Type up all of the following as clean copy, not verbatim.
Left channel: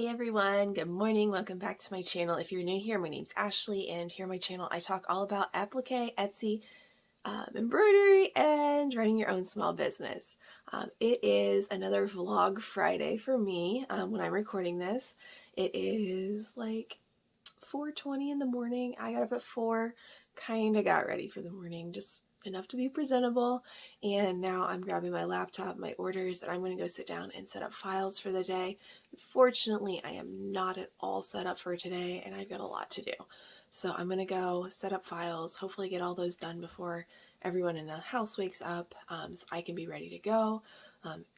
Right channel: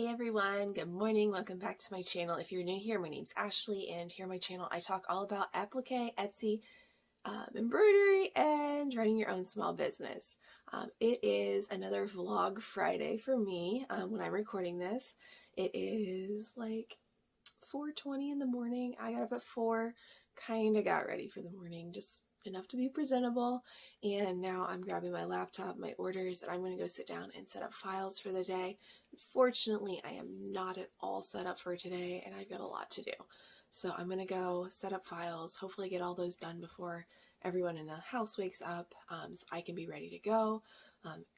Hey everyone, good morning. Welcome back to my channel. If you're new here, my name's Ashley, and here on my channel I talk all about applique, Etsy, embroidery, and running your own small business. It is another vlog Friday for me when I'm recording this. It is like 4:20 in the morning. I got up at 4, kind of got ready for the morning, just enough to be presentable, and now I'm grabbing my laptop, my orders, and I'm going to go sit down and set up files for the day. Fortunately, I am not at all set up for today, and I've got a lot to do. So I'm going to go set up files, hopefully get all those done before everyone in the house wakes up, so I can be ready to go.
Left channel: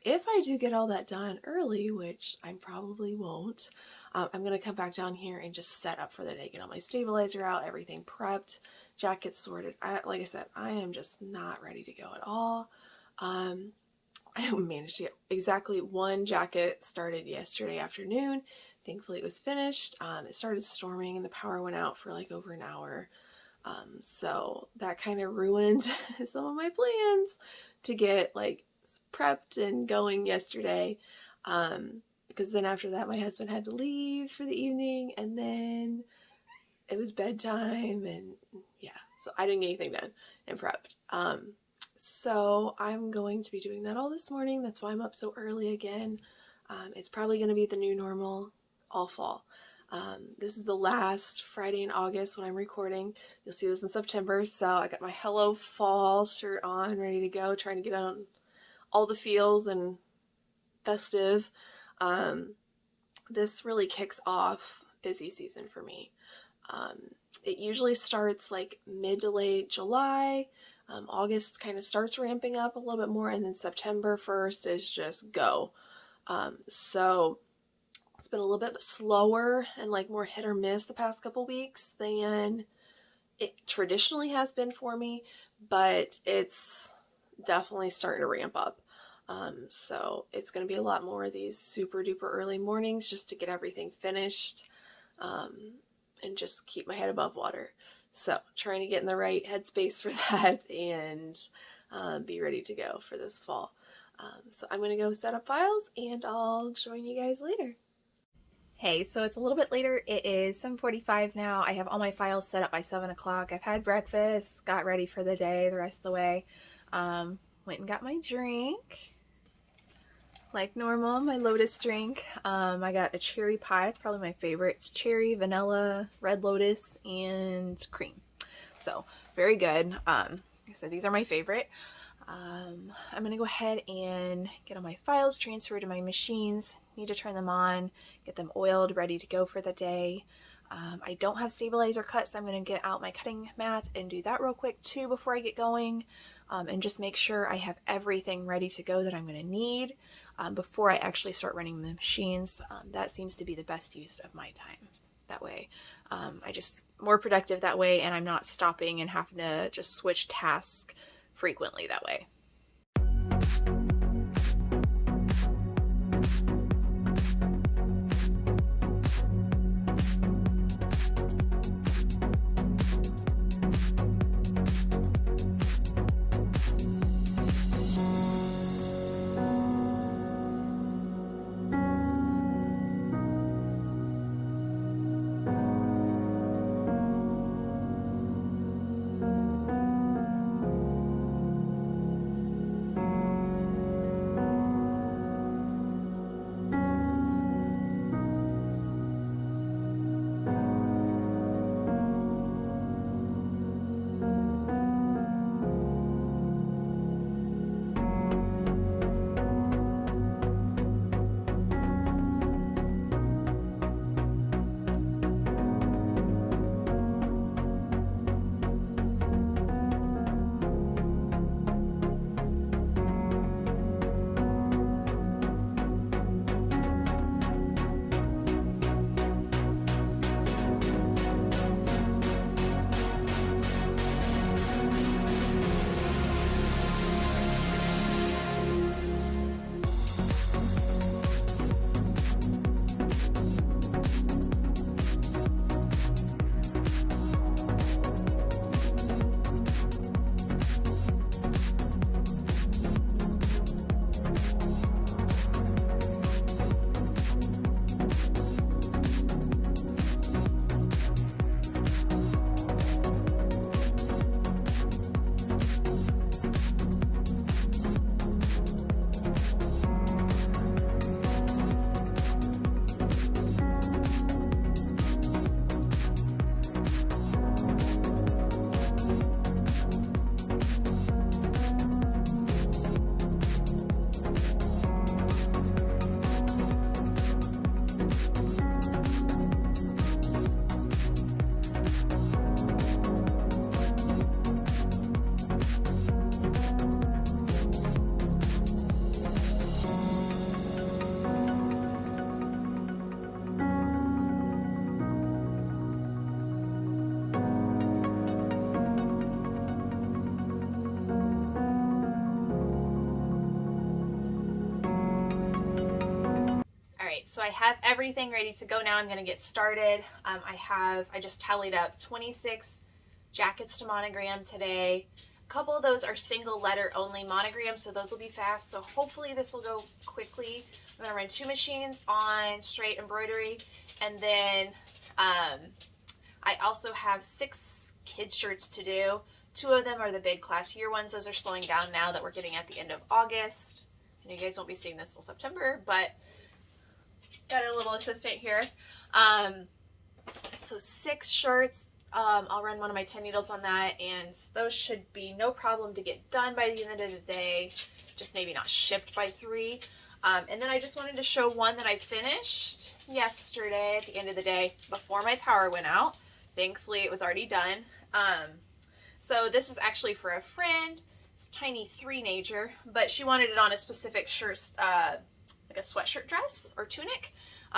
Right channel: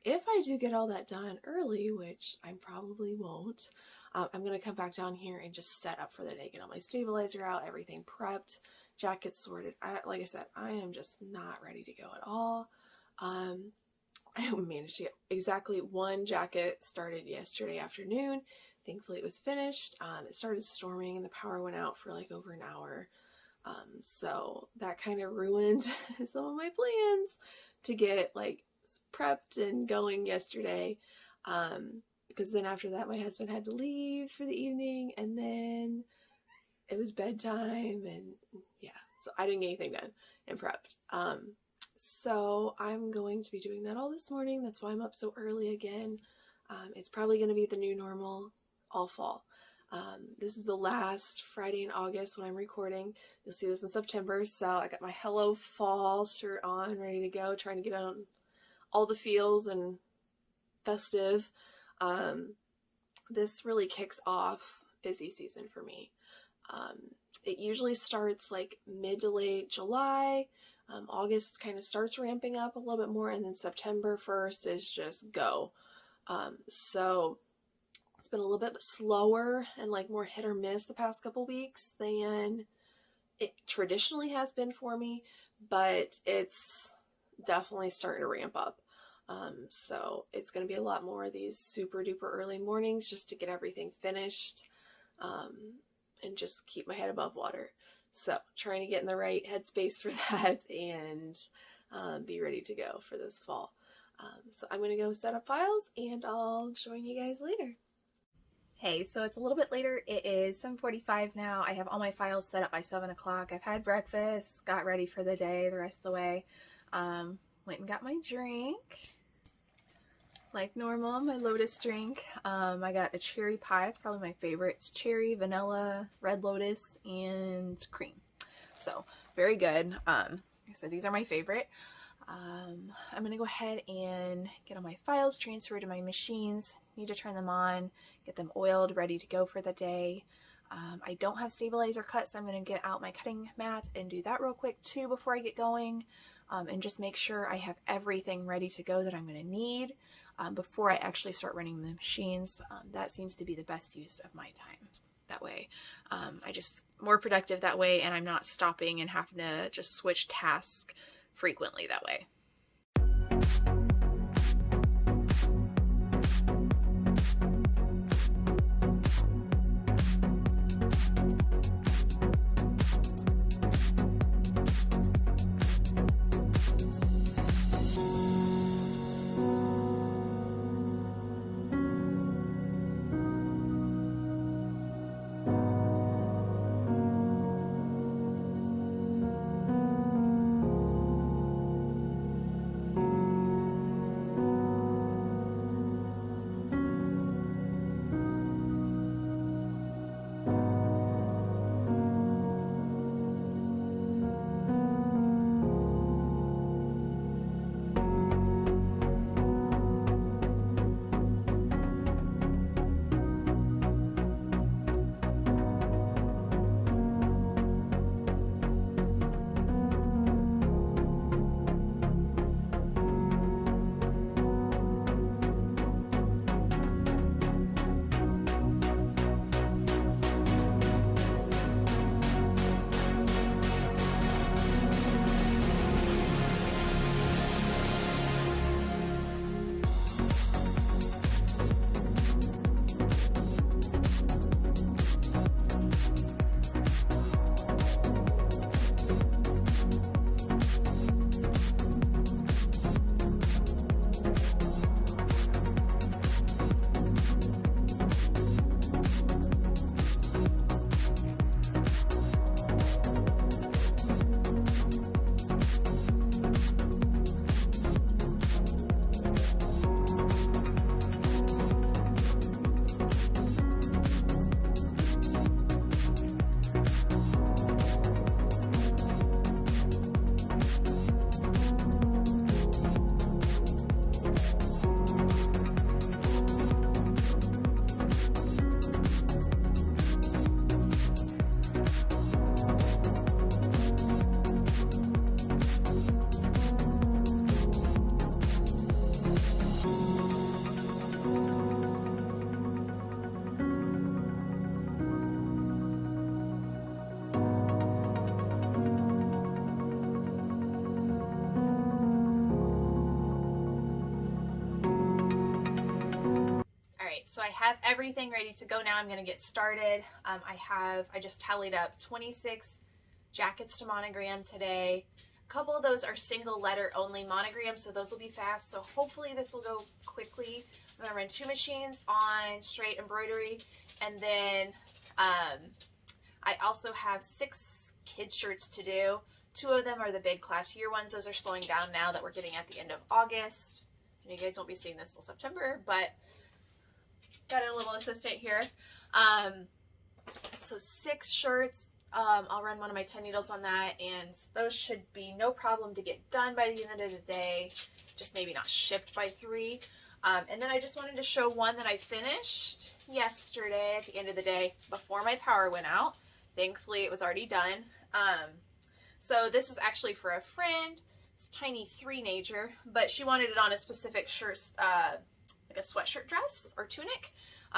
If I do get all that done early, which I probably won't, I'm going to come back down here and just set up for the day, get all my stabilizer out, everything prepped, jackets sorted. Like I said, I am just not ready to go at all. I managed to get exactly one jacket started yesterday afternoon. Thankfully it was finished. It started storming and the power went out for like over an hour. So that kind of ruined some of my plans to get like prepped and going yesterday. Because then after that my husband had to leave for the evening, and then it was bedtime, and yeah, so I didn't get anything done and prepped. So I'm going to be doing that all this morning. That's why I'm up so early again. It's probably going to be the new normal all fall. This is the last Friday in August when I'm recording. You'll see this in September. So I got my Hello Fall shirt on, ready to go, trying to get on all the feels and festive. This really kicks off busy season for me. It usually starts like mid to late July. August kind of starts ramping up a little bit more, and then September 1st is just go. So it's been a little bit slower and like more hit or miss the past couple weeks than it traditionally has been for me, but it's definitely starting to ramp up. So it's going to be a lot more of these super duper early mornings just to get everything finished, and just keep my head above water. So trying to get in the right headspace for that and be ready to go for this fall. So I'm going to go set up files and I'll join you guys later. Hey, so it's a little bit later. It is 7:45 now. I have all my files set up by 7 o'clock. I've had breakfast, got ready for the day the rest of the way. Went and got my drink. Like normal, my Lotus drink. I got a cherry pie. It's probably my favorite. It's cherry, vanilla, red lotus, and cream. So very good. Like I said, these are my favorite. I'm gonna go ahead and get all my files transferred to my machines. Need to turn them on, get them oiled, ready to go for the day. I don't have stabilizer cut, so I'm gonna get out my cutting mat and do that real quick too before I get going, and just make sure I have everything ready to go that I'm gonna need before I actually start running the machines. That seems to be the best use of my time. That way, I just more productive that way, and I'm not stopping and having to just switch tasks frequently that way. I have everything ready to go now. I'm going to get started. I just tallied up 26 jackets to monogram today. A couple of those are single letter only monograms, so those will be fast. So hopefully this will go quickly. I'm going to run 2 machines on straight embroidery, and then I also have 6 kids shirts to do. 2 of them are the big class year ones. Those are slowing down now that we're getting at the end of August. And you guys won't be seeing this till September, but got a little assistant here. So 6 shirts. I'll run one of my 10 needles on that, and those should be no problem to get done by the end of the day, just maybe not shipped by 3. And then I just wanted to show one that I finished yesterday at the end of the day before my power went out. Thankfully it was already done. So this is actually for a friend. It's tiny 3-nager, but she wanted it on a specific shirt, like a sweatshirt dress or tunic.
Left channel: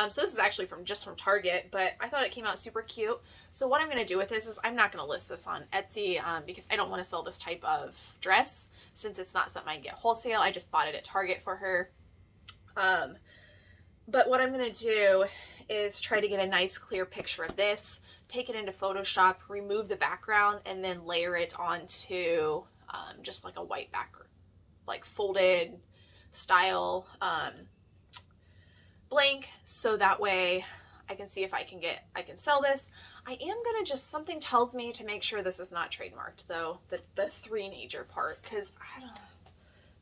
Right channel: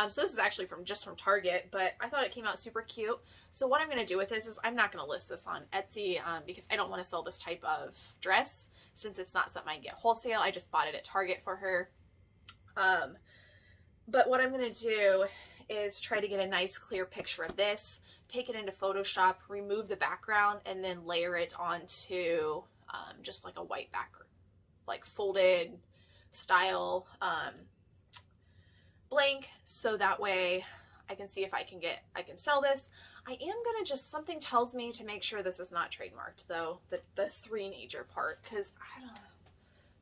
So this is actually just from Target, but I thought it came out super cute. So what I'm going to do with this is I'm not going to list this on Etsy because I don't want to sell this type of dress since it's not something I can get wholesale. I just bought it at Target for her. But what I'm going to do is try to get a nice clear picture of this, take it into Photoshop, remove the background, and then layer it onto just like a white background, like folded style blank, so that way I can see if I can sell this. I am gonna something tells me to make sure this is not trademarked though, the 3-nager part, because I don't know,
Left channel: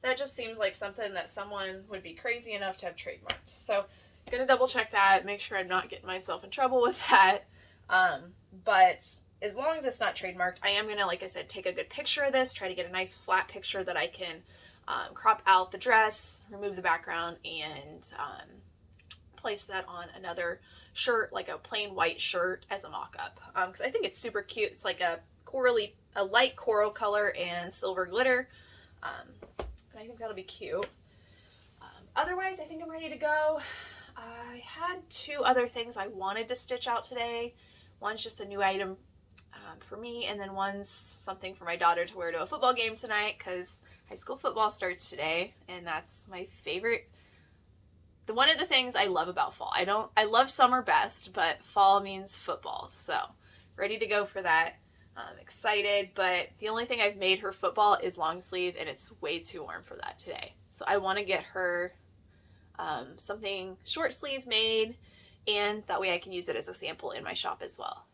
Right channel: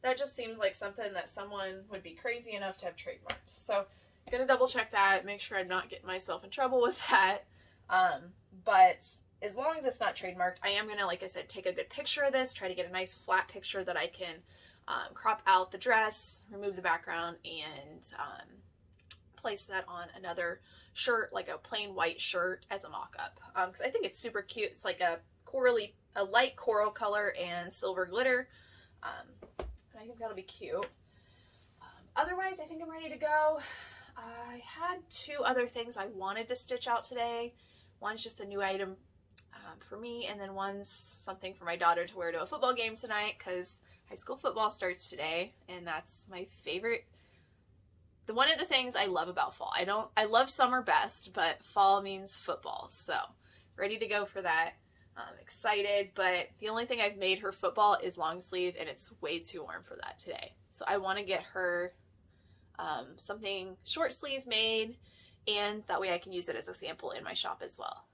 that just seems like something that someone would be crazy enough to have trademarked. So I'm gonna double check that, make sure I'm not getting myself in trouble with that. But as long as it's not trademarked, I am gonna, like I said, take a good picture of this, try to get a nice flat picture that I can crop out the dress, remove the background, and place that on another shirt, like a plain white shirt as a mock-up, because I think it's super cute. It's like a light coral color and silver glitter, and I think that'll be cute. Otherwise, I think I'm ready to go. I had 2 other things I wanted to stitch out today. One's just a new item for me, and then one's something for my daughter to wear to a football game tonight, because high school football starts today, and that's my favorite. One of the things I love about fall. I love summer best, but fall means football. So ready to go for that. I'm excited, but the only thing I've made her football is long sleeve, and it's way too warm for that today. So I want to get her something short sleeve made, and that way I can use it as a sample in my shop as well.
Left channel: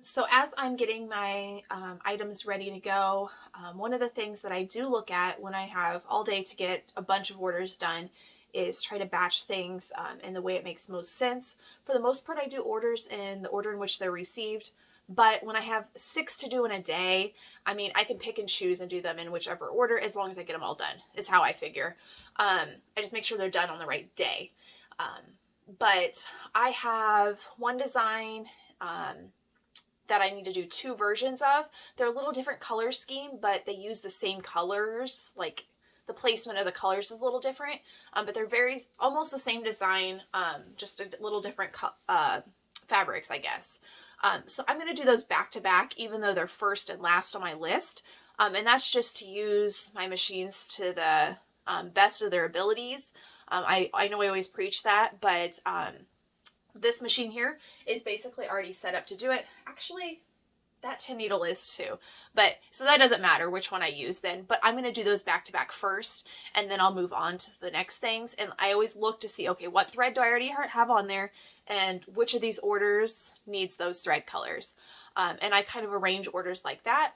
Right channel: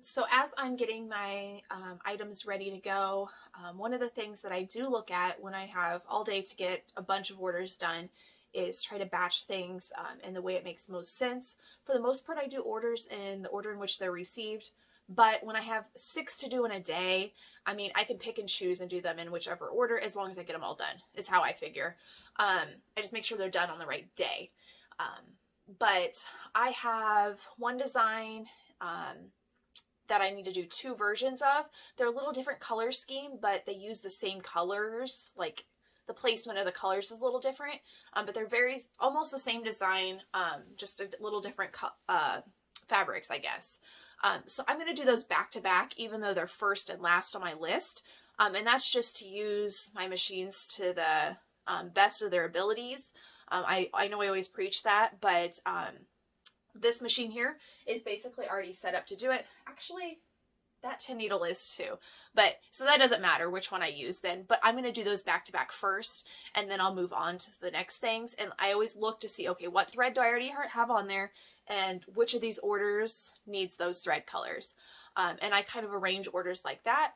So as I'm getting my items ready to go, one of the things that I do look at when I have all day to get a bunch of orders done is try to batch things in the way it makes most sense. For the most part, I do orders in the order in which they're received, but when I have 6 to do in a day, I mean, I can pick and choose and do them in whichever order as long as I get them all done, is how I figure. I just make sure they're done on the right day. But I have one design that I need to do 2 versions of. They're a little different color scheme, but they use the same colors, like the placement of the colors is a little different, but they're almost the same design, just a little different fabrics, I guess. So I'm going to do those back to back, even though they're first and last on my list. And that's just to use my machines to the best of their abilities. I know I always preach that, but this machine here is basically already set up to do it. Actually, that 10 needle is too, but so that doesn't matter which one I use then, but I'm going to do those back to back first, and then I'll move on to the next things. And I always look to see, okay, what thread do I already have on there, and which of these orders needs those thread colors. And I kind of arrange orders like that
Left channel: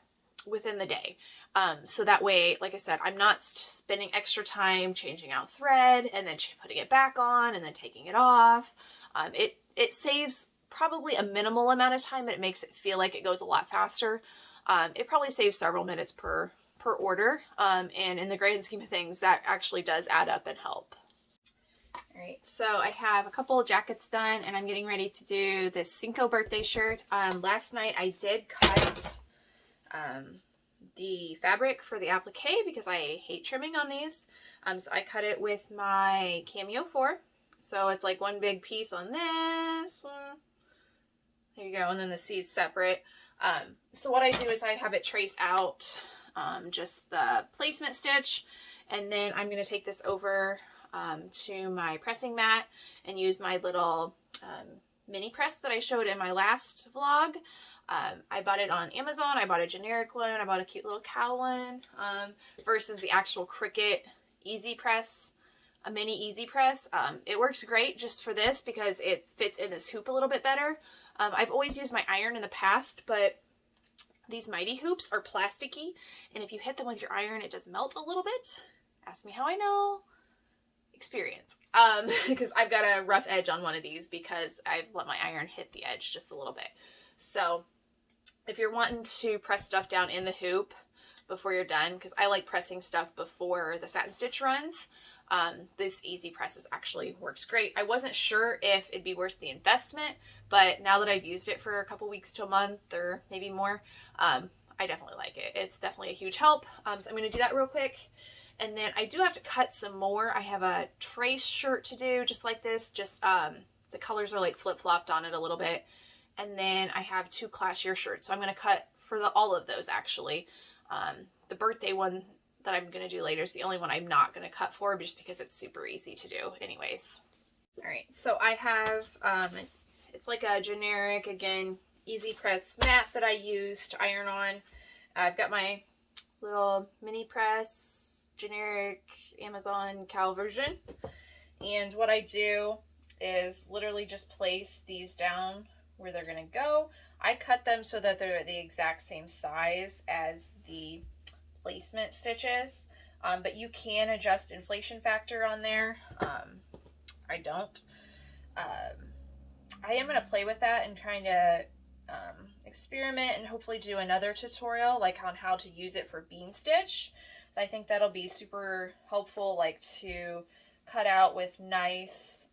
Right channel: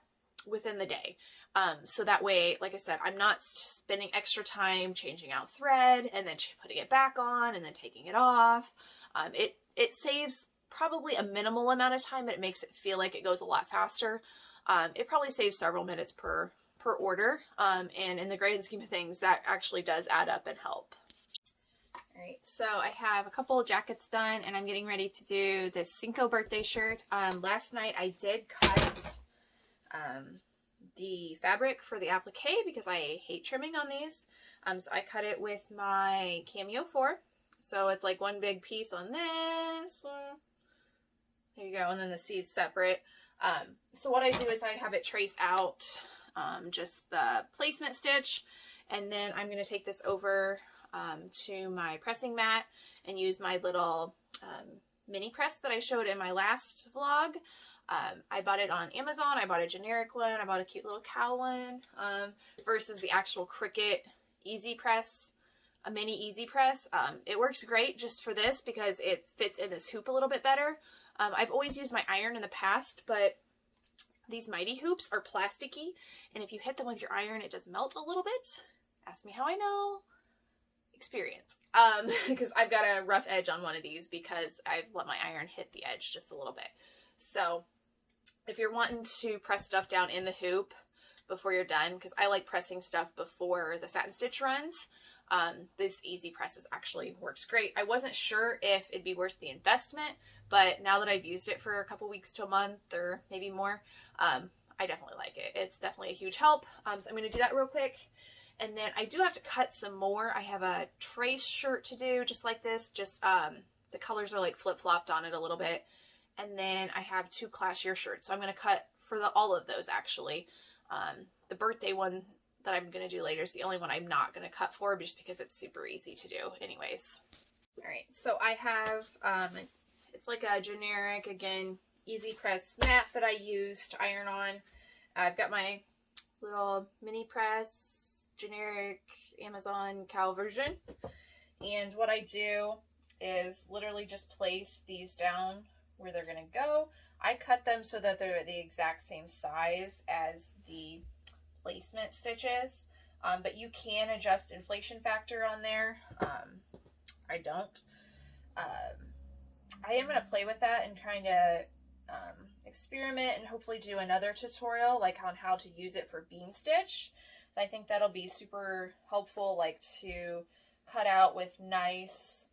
within the day. So that way, like I said, I'm not spending extra time changing out thread and then putting it back on and then taking it off. It saves probably a minimal amount of time, but it makes it feel like it goes a lot faster. It probably saves several minutes per order. And in the grand scheme of things, that actually does add up and help. All right, so I have a couple of jackets done, and I'm getting ready to do this Cinco birthday shirt. Last night I did cut the fabric for the applique because I hate trimming on these. So I cut it with my Cameo 4. So it's like one big piece on this. There you go, and then the C is separate. So what I do is I have it trace out just the placement stitch, and then I'm going to take this over to my pressing mat and use my little mini press that I showed in my last vlog. I bought it on Amazon. I bought a generic one. I bought a cute little cow one versus the actual Cricut Easy Press, a mini Easy Press. It works great just for this because it fits in this hoop a little bit better. I've always used my iron in the past, but these Mighty hoops are plasticky, and if you hit them with your iron, it does melt a little bit. Ask me how I know. Experience. Because I've got a rough edge on one of these because I've let my iron hit the edge just a little bit. So if you're wanting to press stuff down in the hoop before you're done, because I like pressing stuff before the satin stitch runs, this Easy Presses actually works great. I wasn't sure if it'd be worth the investment, but now that I've used it for a couple weeks to a month or maybe more, I definitely like it. It's definitely a huge help. So I'm going to do that real quick. And then I do have to cut some more. I have a trace shirt to do just like this. Just the colors are like flip-flopped on it a little bit. And then I have 2 class year shirts. So I'm going to cut for all of those actually. The birthday one that I'm going to do later is the only one I'm not going to cut for just because it's super easy to do anyways. All right, so I have, it's like a generic, again, Easy Press mat that I use to iron on. I've got my little mini press, generic Amazon cow version. And what I do is literally just place these down where they're going to go. I cut them so that they're the exact same size as the placement stitches, but you can adjust inflation factor on there. I don't. I am going to play with that and kind of experiment and hopefully do another tutorial like on how to use it for bean stitch. So I think that'll be super helpful, like to cut out with nice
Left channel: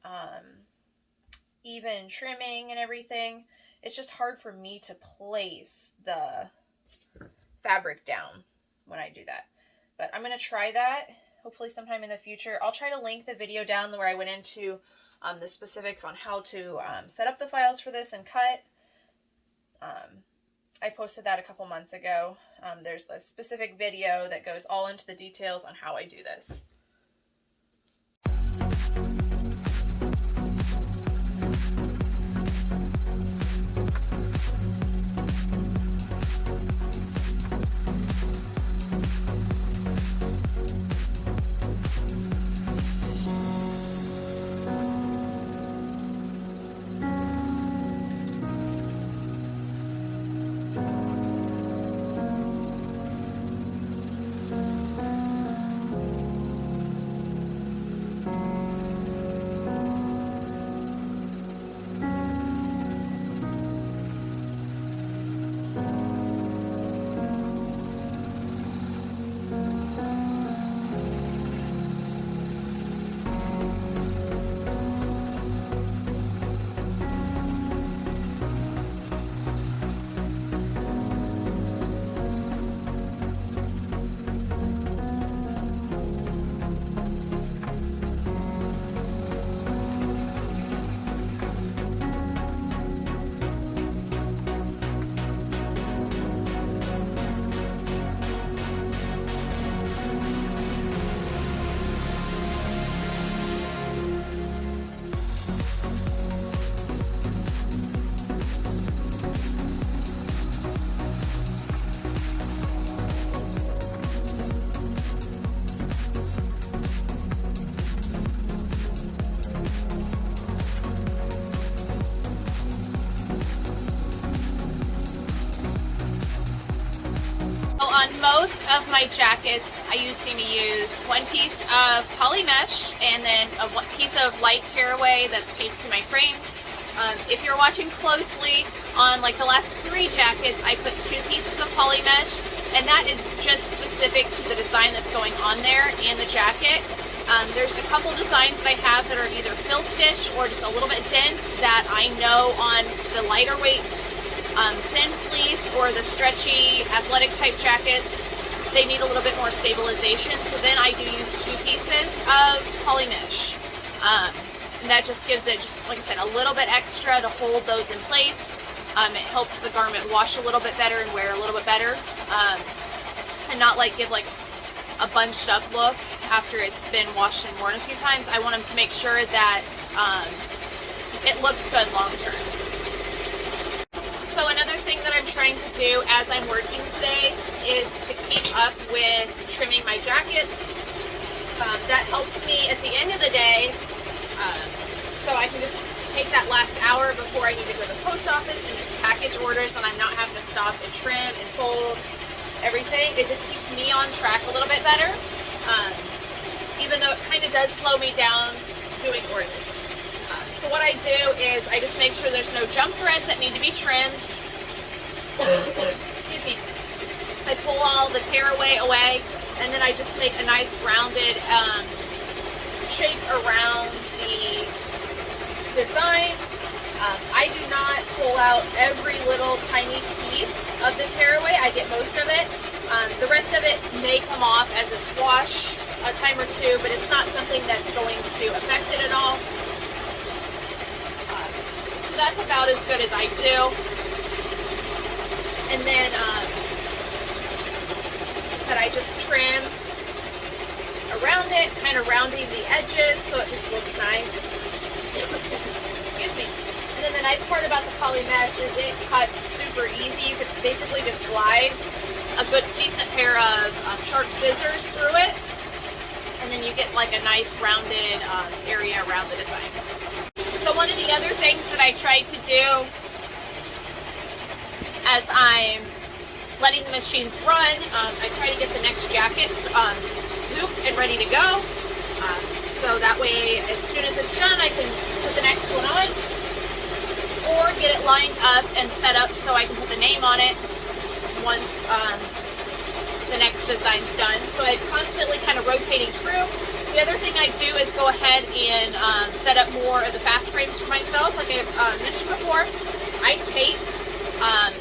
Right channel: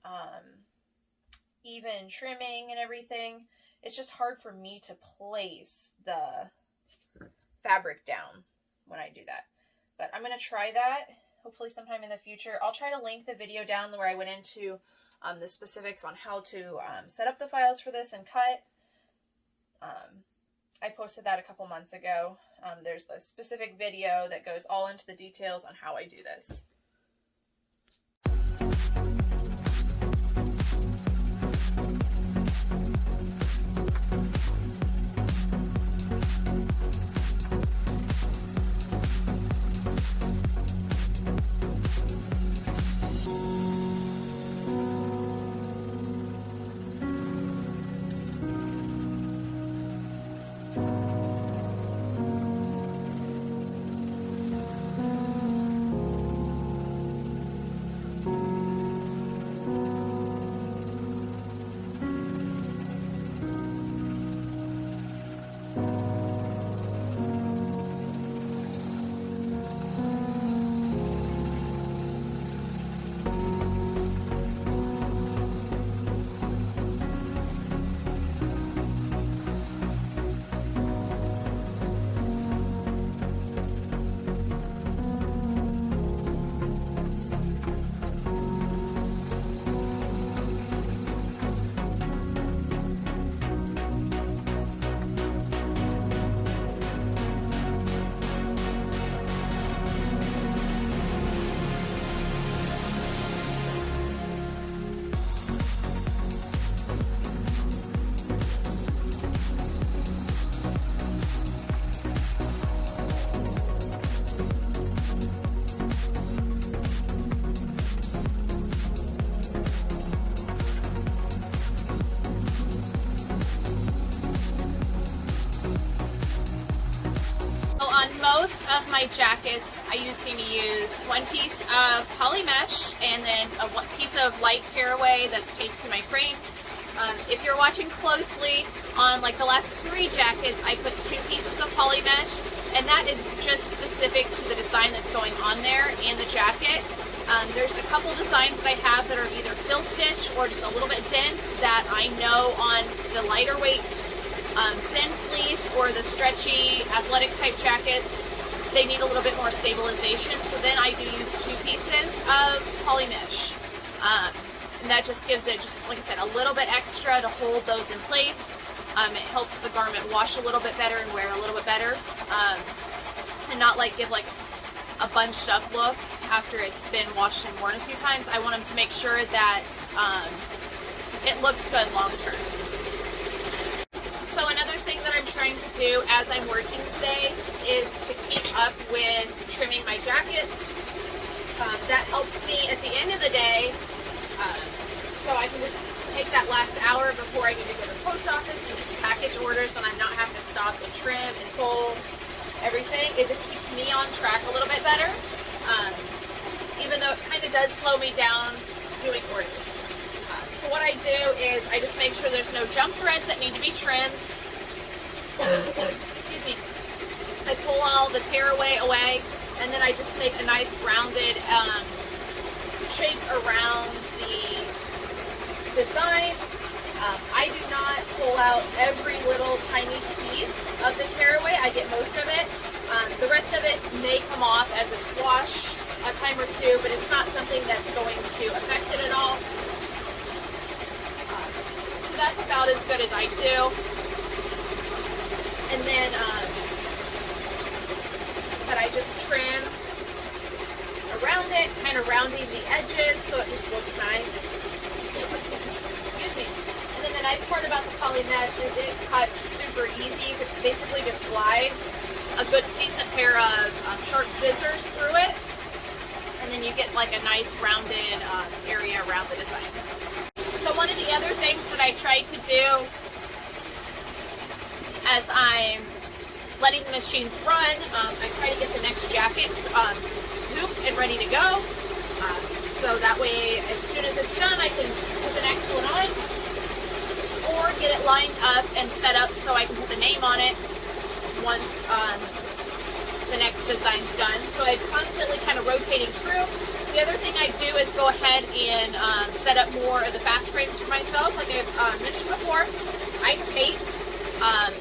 even trimming and everything. It's just hard for me to place the fabric down when I do that. But I'm going to try that hopefully sometime in the future. I'll try to link the video down where I went into the specifics on how to set up the files for this and cut. I posted that a couple months ago. There's a specific video that goes all into the details on how I do this. On most of my jackets, I seem to use one piece of poly mesh and then a piece of light tearaway that's taped to my frame. If you're watching closely on like the last 3 jackets, I put 2 pieces of poly mesh, and that is just specific to the design that's going on there and the jacket. There's a couple designs that I have that are either fill stitch or just a little bit dense that I know on the lighter weight thin fleece or the stretchy athletic type jackets, they need a little bit more stabilization. So then I do use 2 pieces of poly mesh. And that just gives it, just like I said, a little bit extra to hold those in place. It helps the garment wash a little bit better and wear a little bit better. And not like give like a bunched up look. after it's been washed and worn a few times. I want them to make sure that it looks good long term. So another thing that I'm trying to do as I'm working today is to keep up with trimming my jackets. That helps me at the end of the day, so I can just take that last hour before I need to go to the post office and just package orders, and I'm not having to stop and trim and fold everything. It just keeps me on track a little bit better, even though it kind of does slow me down doing orders. So what I do is I just make sure there's no jump threads that need to be trimmed. Excuse me. I pull all the tearaway away, and then I just make a nice rounded shape around the design. I do not pull out every little tiny piece of the tearaway. I get most of it. The rest of it may come off as it's washed a time or two, but it's not something that's going to affect it at all. So that's about as good as I do. And then that I just trim around it, kind of rounding the edges so it just looks nice. Excuse me. And then the nice part about the poly mesh is it cuts super easy. You could basically just glide a good decent pair of sharp scissors through it, and then you get like a nice rounded area around the design. So one of the other things that I try to do as I'm letting the machines run, I try to get the next jacket hooped and ready to go. So that way, as soon as it's done, I can put the next one on, or get it lined up and set up so I can put the name on it once the next design's done. So I'm constantly kind of rotating through. The other thing I do is go ahead and set up more of the fast frames for myself. Like I've mentioned before, I tape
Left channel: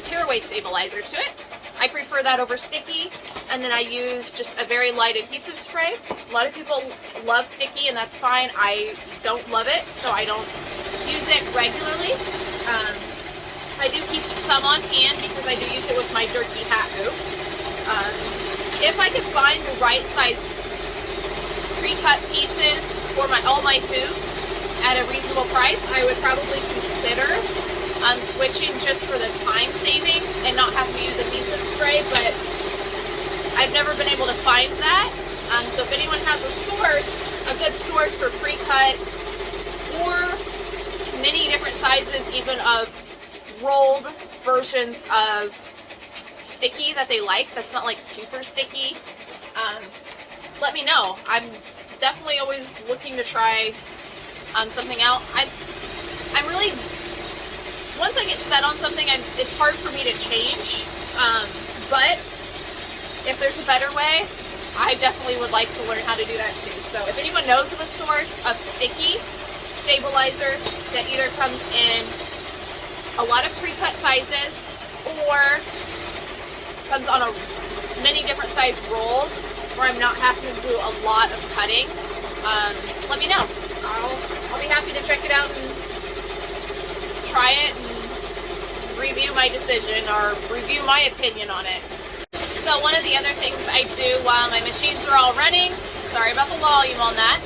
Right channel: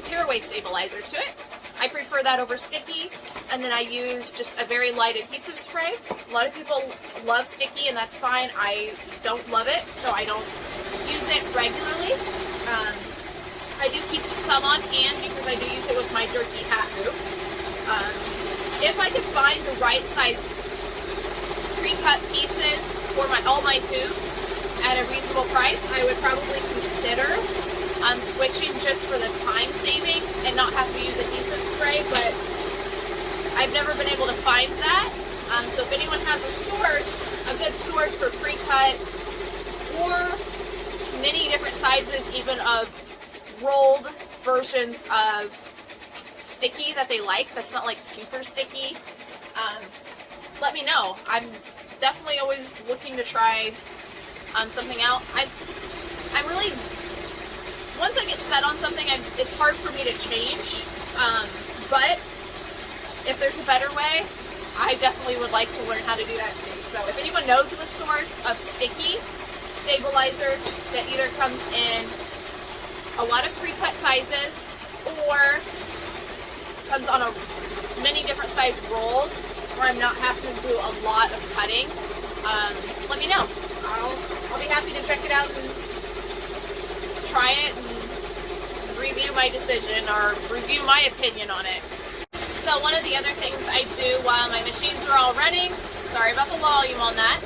tearaway stabilizer to it. I prefer that over sticky, and then I use just a very light adhesive spray. A lot of people love sticky, and that's fine. I don't love it, so I don't use it regularly. I do keep some on hand because I do use it with my jerky hat hoop. If I could find the right size pre-cut pieces for all my hoops at a reasonable price, I would probably consider switching just for the time saving and not have to use adhesive spray, but I've never been able to find that. So if anyone has a good source for pre-cut or many different sizes even of rolled versions of sticky that they like, that's not like super sticky, let me know. I'm definitely always looking to try something out. I'm really, once I get set on something, it's hard for me to change, but if there's a better way, I definitely would like to learn how to do that too. So if anyone knows of a source of sticky stabilizer that either comes in a lot of pre-cut sizes or comes on many different size rolls where I'm not having to do a lot of cutting, let me know. I'll be happy to check it out and try it and review my decision or review my opinion on it. So one of the other things I do while my machines are all running, sorry about the volume on that,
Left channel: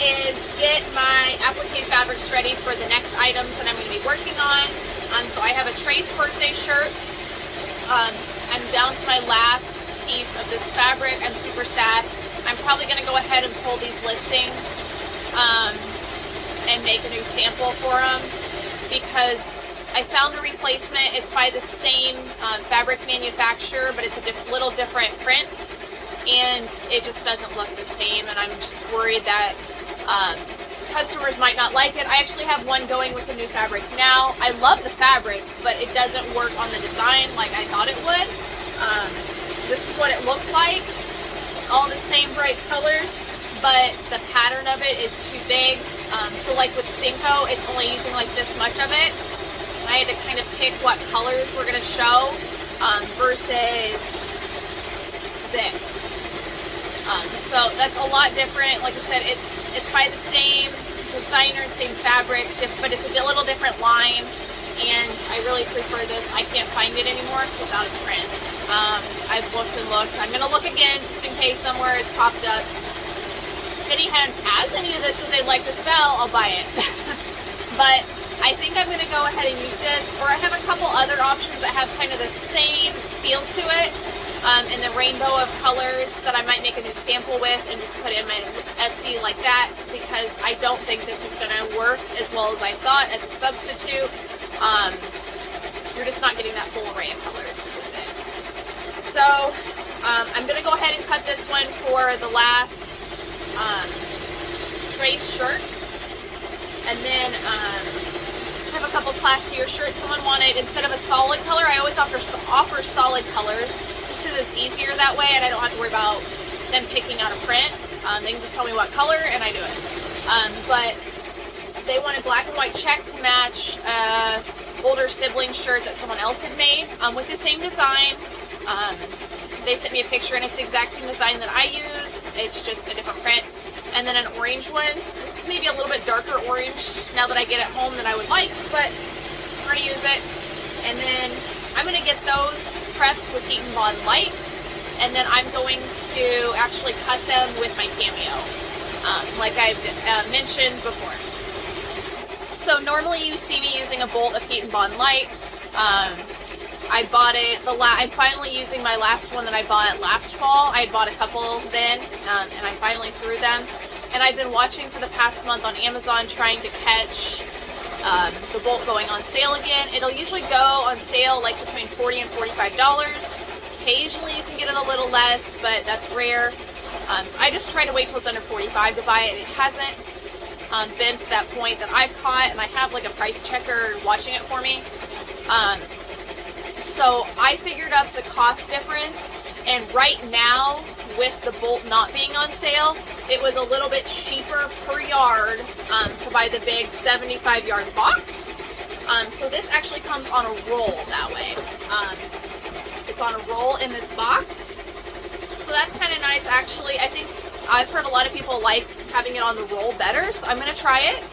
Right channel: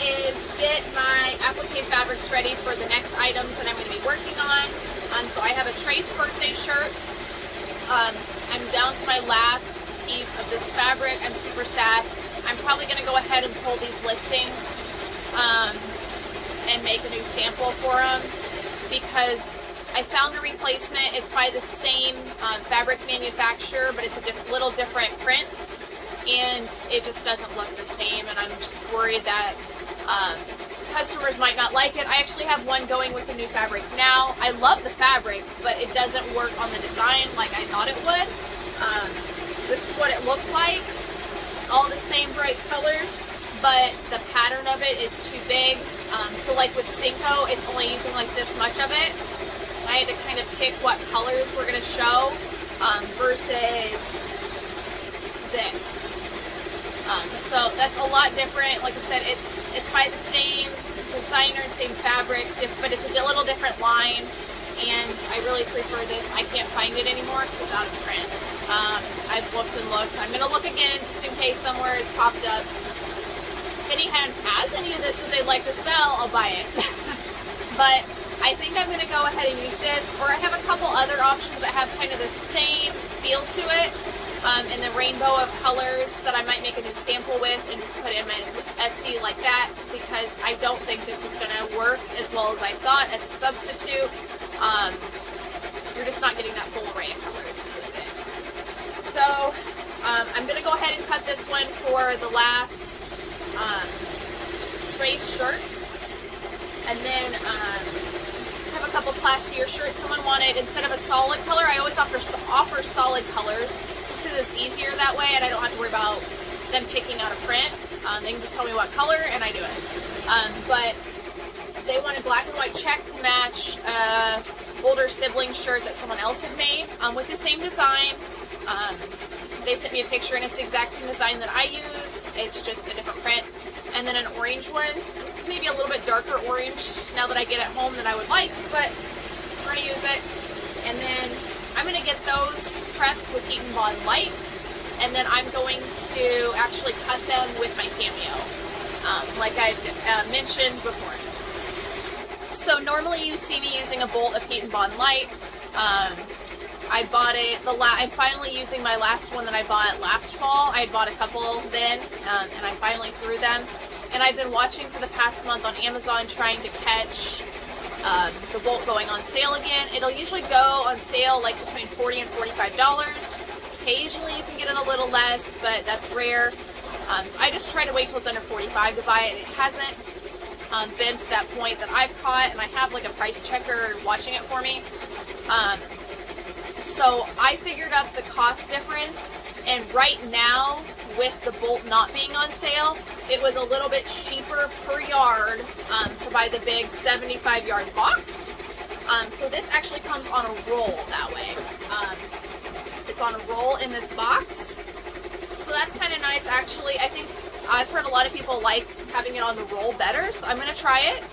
is get my applique fabrics ready for the next items that I'm going to be working on. So I have a Trace birthday shirt. I'm down to my last piece of this fabric. I'm super sad. I'm probably going to go ahead and pull these listings and make a new sample for them because I found a replacement. It's by the same fabric manufacturer, but it's a little different print, and it just doesn't look the same, and I'm just worried that customers might not like it. I actually have one going with the new fabric now. I love the fabric, but it doesn't work on the design like I thought it would. This is what it looks like. All the same bright colors, but the pattern of it is too big. So like with Cinco, it's only using like this much of it. I had to kind of pick what colors we're going to show versus this. So that's a lot different. Like I said, it's by the same designer, same fabric, but it's a little different line, and I really prefer this. I can't find it anymore because it's out of print. I've looked and looked. I'm going to look again just in case somewhere it's popped up. if anyone has any of this that they'd like to sell, I'll buy it. But I think I'm going to go ahead and use this, or I have a couple other options that have kind of the same feel to it, in the rainbow of colors that I might make a new sample with and just put in my Etsy like that, because I don't think this is going to work as well as I thought as a substitute. You're just not getting that full array of colors with it. So I'm going to go ahead and cut this one for the last trace shirt. And then I have a couple clashier shirts someone wanted. Instead of a solid color, I always offer solid colors just because it's easier that way and I don't have to worry about them picking out a print. They can just tell me what color and I do it. But they wanted black and white check to match older sibling shirt that someone else had made with the same design. They sent me a picture and it's the exact same design that I use. It's just a different print. And then an orange one. This is maybe a little bit darker orange now that I get it home than I would like, but we're going to use it. And then I'm going to get those prepped with Heat and Bond lights. And then I'm going to actually cut them with my Cameo, like I've mentioned before. So normally you see me using a bolt of Heat and Bond light. I bought it, I'm finally using my last one that I bought last fall. I had bought a couple then, and I finally threw them. And I've been watching for the past month on Amazon trying to catch the bolt going on sale again. It'll usually go on sale like between $40 and $45. Occasionally you can get it a little less, but that's rare. So I just try to wait till it's under $45 to buy it. It hasn't been to that point that I've caught, and I have like a price checker watching it for me. So I figured up the cost difference, and right now with the bolt not being on sale, it was a little bit cheaper per yard to buy the big 75-yard box. So this actually comes on a roll that way. It's on a roll in this box. So that's kind of nice actually. I think I've heard a lot of people like having it on the roll better, so I'm going to try it.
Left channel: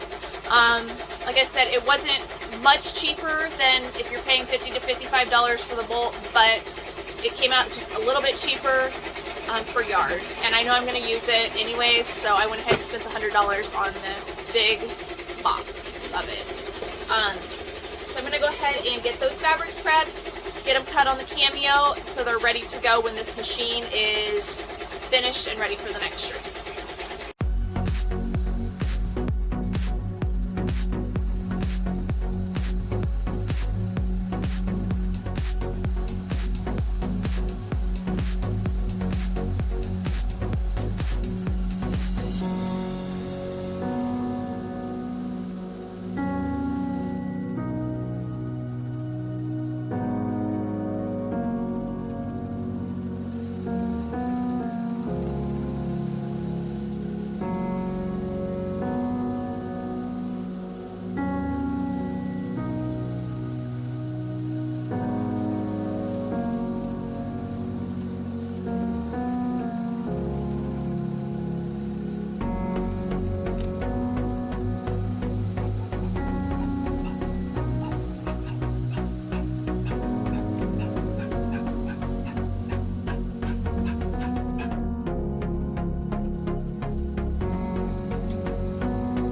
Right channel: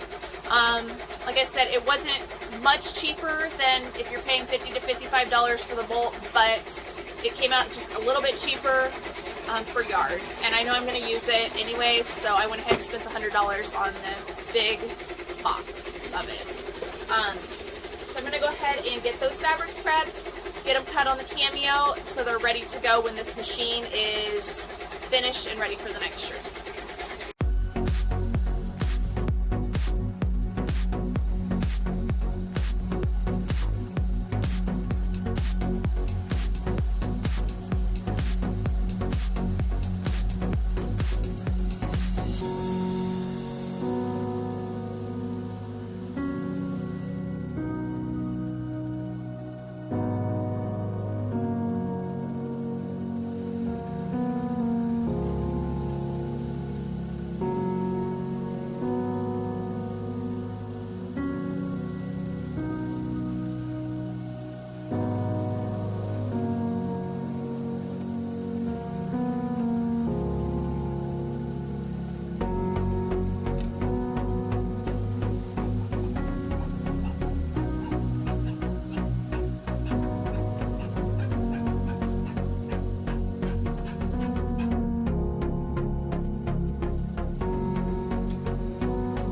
Like I said, it wasn't much cheaper than if you're paying $50 to $55 for the bolt, but it came out just a little bit cheaper per yard. And I know I'm going to use it anyways, so I went ahead and spent the $100 on the big box of it. So I'm going to go ahead and get those fabrics prepped, get them cut on the Cameo so they're ready to go when this machine is finished and ready for the next shirt.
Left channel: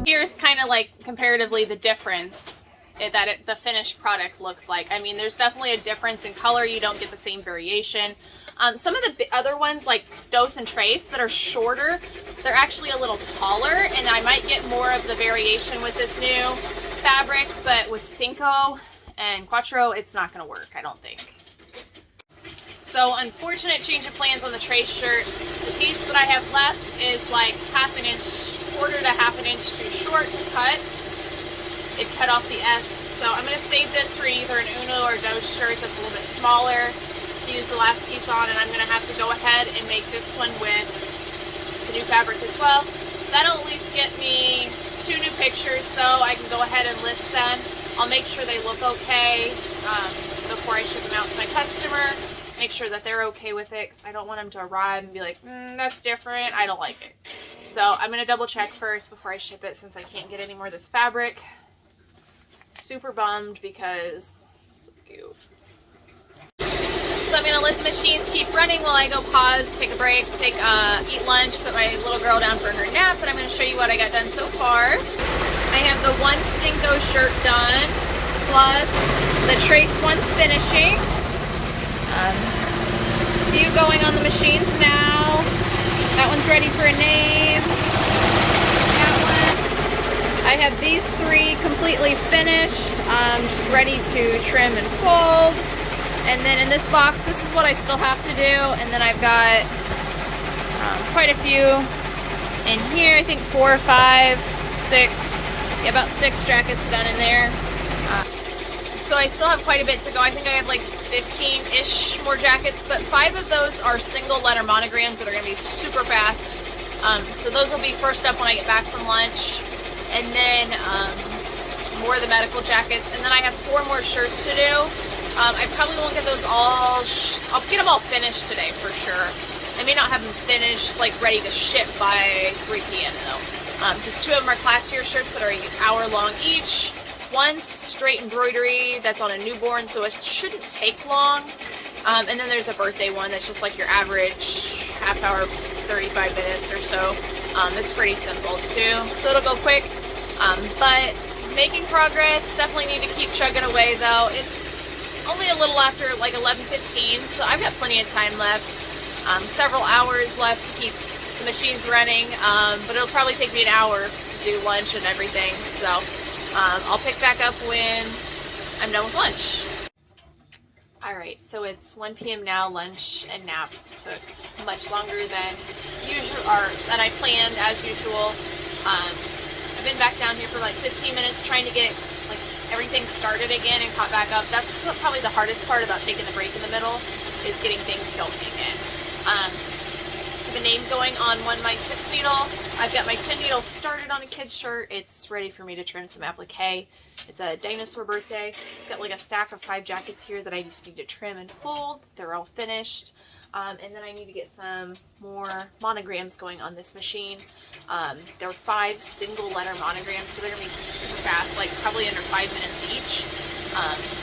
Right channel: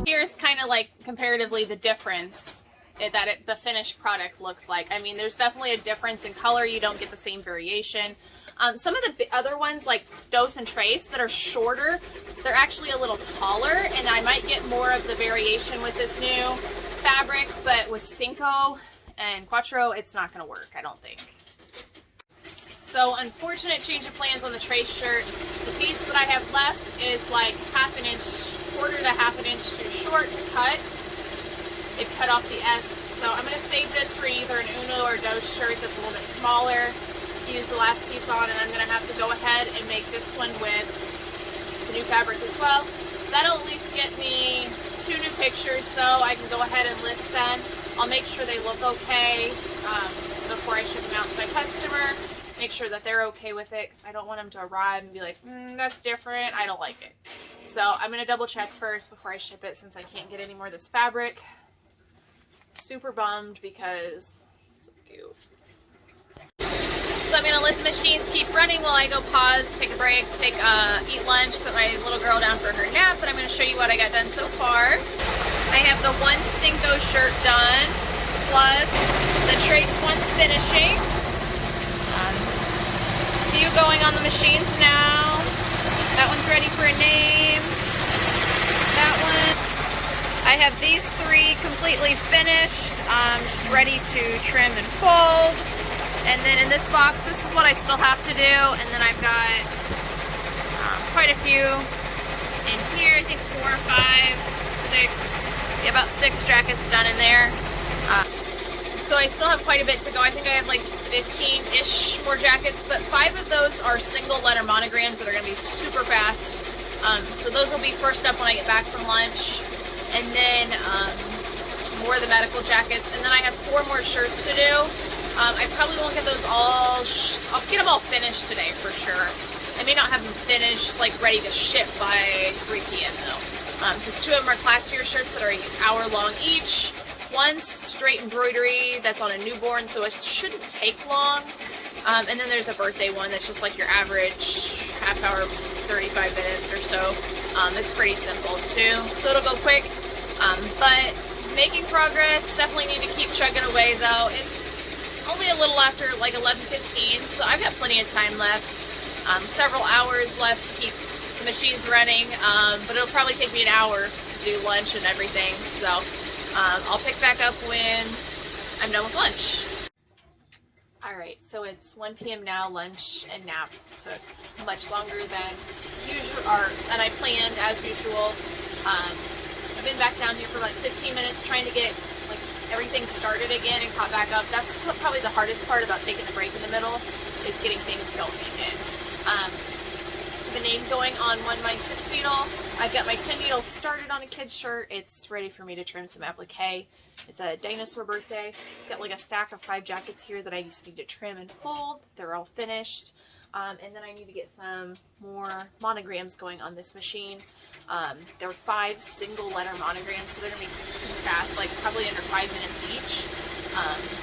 Here's kind of like comparatively the difference that the finished product looks like. I mean, there's definitely a difference in color. You don't get the same variation. Some of the other ones like Dose and Trace that are shorter, they're actually a little taller, and I might get more of the variation with this new fabric, but with Cinco and Quattro, it's not going to work, I don't think. So unfortunate change of plans on the Trace shirt. The piece that I have left is like quarter to half an inch too short to cut. It cut off the S, so I'm going to save this for either an Uno or Dose shirt that's a little bit smaller to use the last piece on, and I'm going to have to go ahead and make this one with the new fabric as well. That'll at least get me 2 new pictures, so I can go ahead and list them. I'll make sure they look okay before I ship them out to my customer. Make sure that they're okay with it, because I don't want them to arrive and be like, that's different, I don't like it. So I'm going to double check first before I ship it, since I can't get any more of this fabric. Super bummed because it's so cute. So I'm gonna let the machines keep running while I go pause, take a break, eat lunch, put my little girl down for her nap, and I'm gonna show you what I got done so far. I have the one Cinco shirt done, plus the trace one's finishing. Few going on the machines now. That one's ready for a name. That one. I have these 3 completely finished, just ready to trim and fold. And then in this box, this is what I still have to do. And then I've got quite a few in here. I think 4 or 5, 6, yeah, about 6 jackets done in there. So I still have quite a bit to go. I think I have like 15-ish more jackets, but 5 of those are single letter monograms that are gonna be super fast. So those will be first up when I get back from lunch. And then more of the medical jackets. And then I have 4 more shirts to do. I probably won't get those all, I'll get them all finished today for sure. I may not have them finished, like ready to ship by 3 p.m. though. Because 2 of them are class year shirts that are an hour long each. One's straight embroidery that's on a newborn, so it shouldn't take long. And then there's a birthday one that's just like your average half hour, 35 minutes or so. It's pretty simple too, so it'll go quick. But making progress, definitely need to keep chugging away though. It's only a little after like 11:15, so I've got plenty of time left. Several hours left to keep the machines running, but it'll probably take me an hour to do lunch and everything, so I'll pick back up when I'm done with lunch. Alright, so it's 1 p.m. now. Lunch and nap took much longer than usual, or than I planned as usual. I've been back down here for like 15 minutes trying to get like everything started again and caught back up. That's probably the hardest part about taking the break in the middle, is getting things going again. I have a name going on my 6 needle. I've got my 10 needle started on a kid's shirt. It's ready for me to trim some applique. It's a dinosaur birthday. Got like a stack of 5 jackets here that I just need to trim and fold. They're all finished. And then I need to get some more monograms going on this machine. There are 5 single letter monograms, so they're gonna be super fast, like probably under 5 minutes each.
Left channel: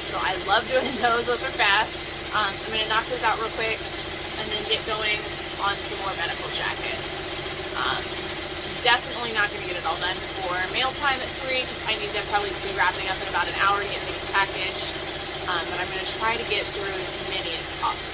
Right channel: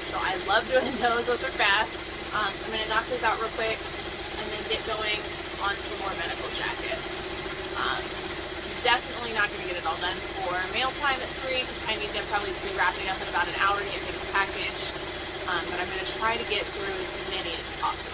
So I love doing those. Those are fast. I'm gonna knock those out real quick and then get going on some more medical jackets. Definitely not going to get it all done for mail time at 3, because I need to probably be wrapping up in about an hour to get things packaged. But I'm going to try to get through as many as possible.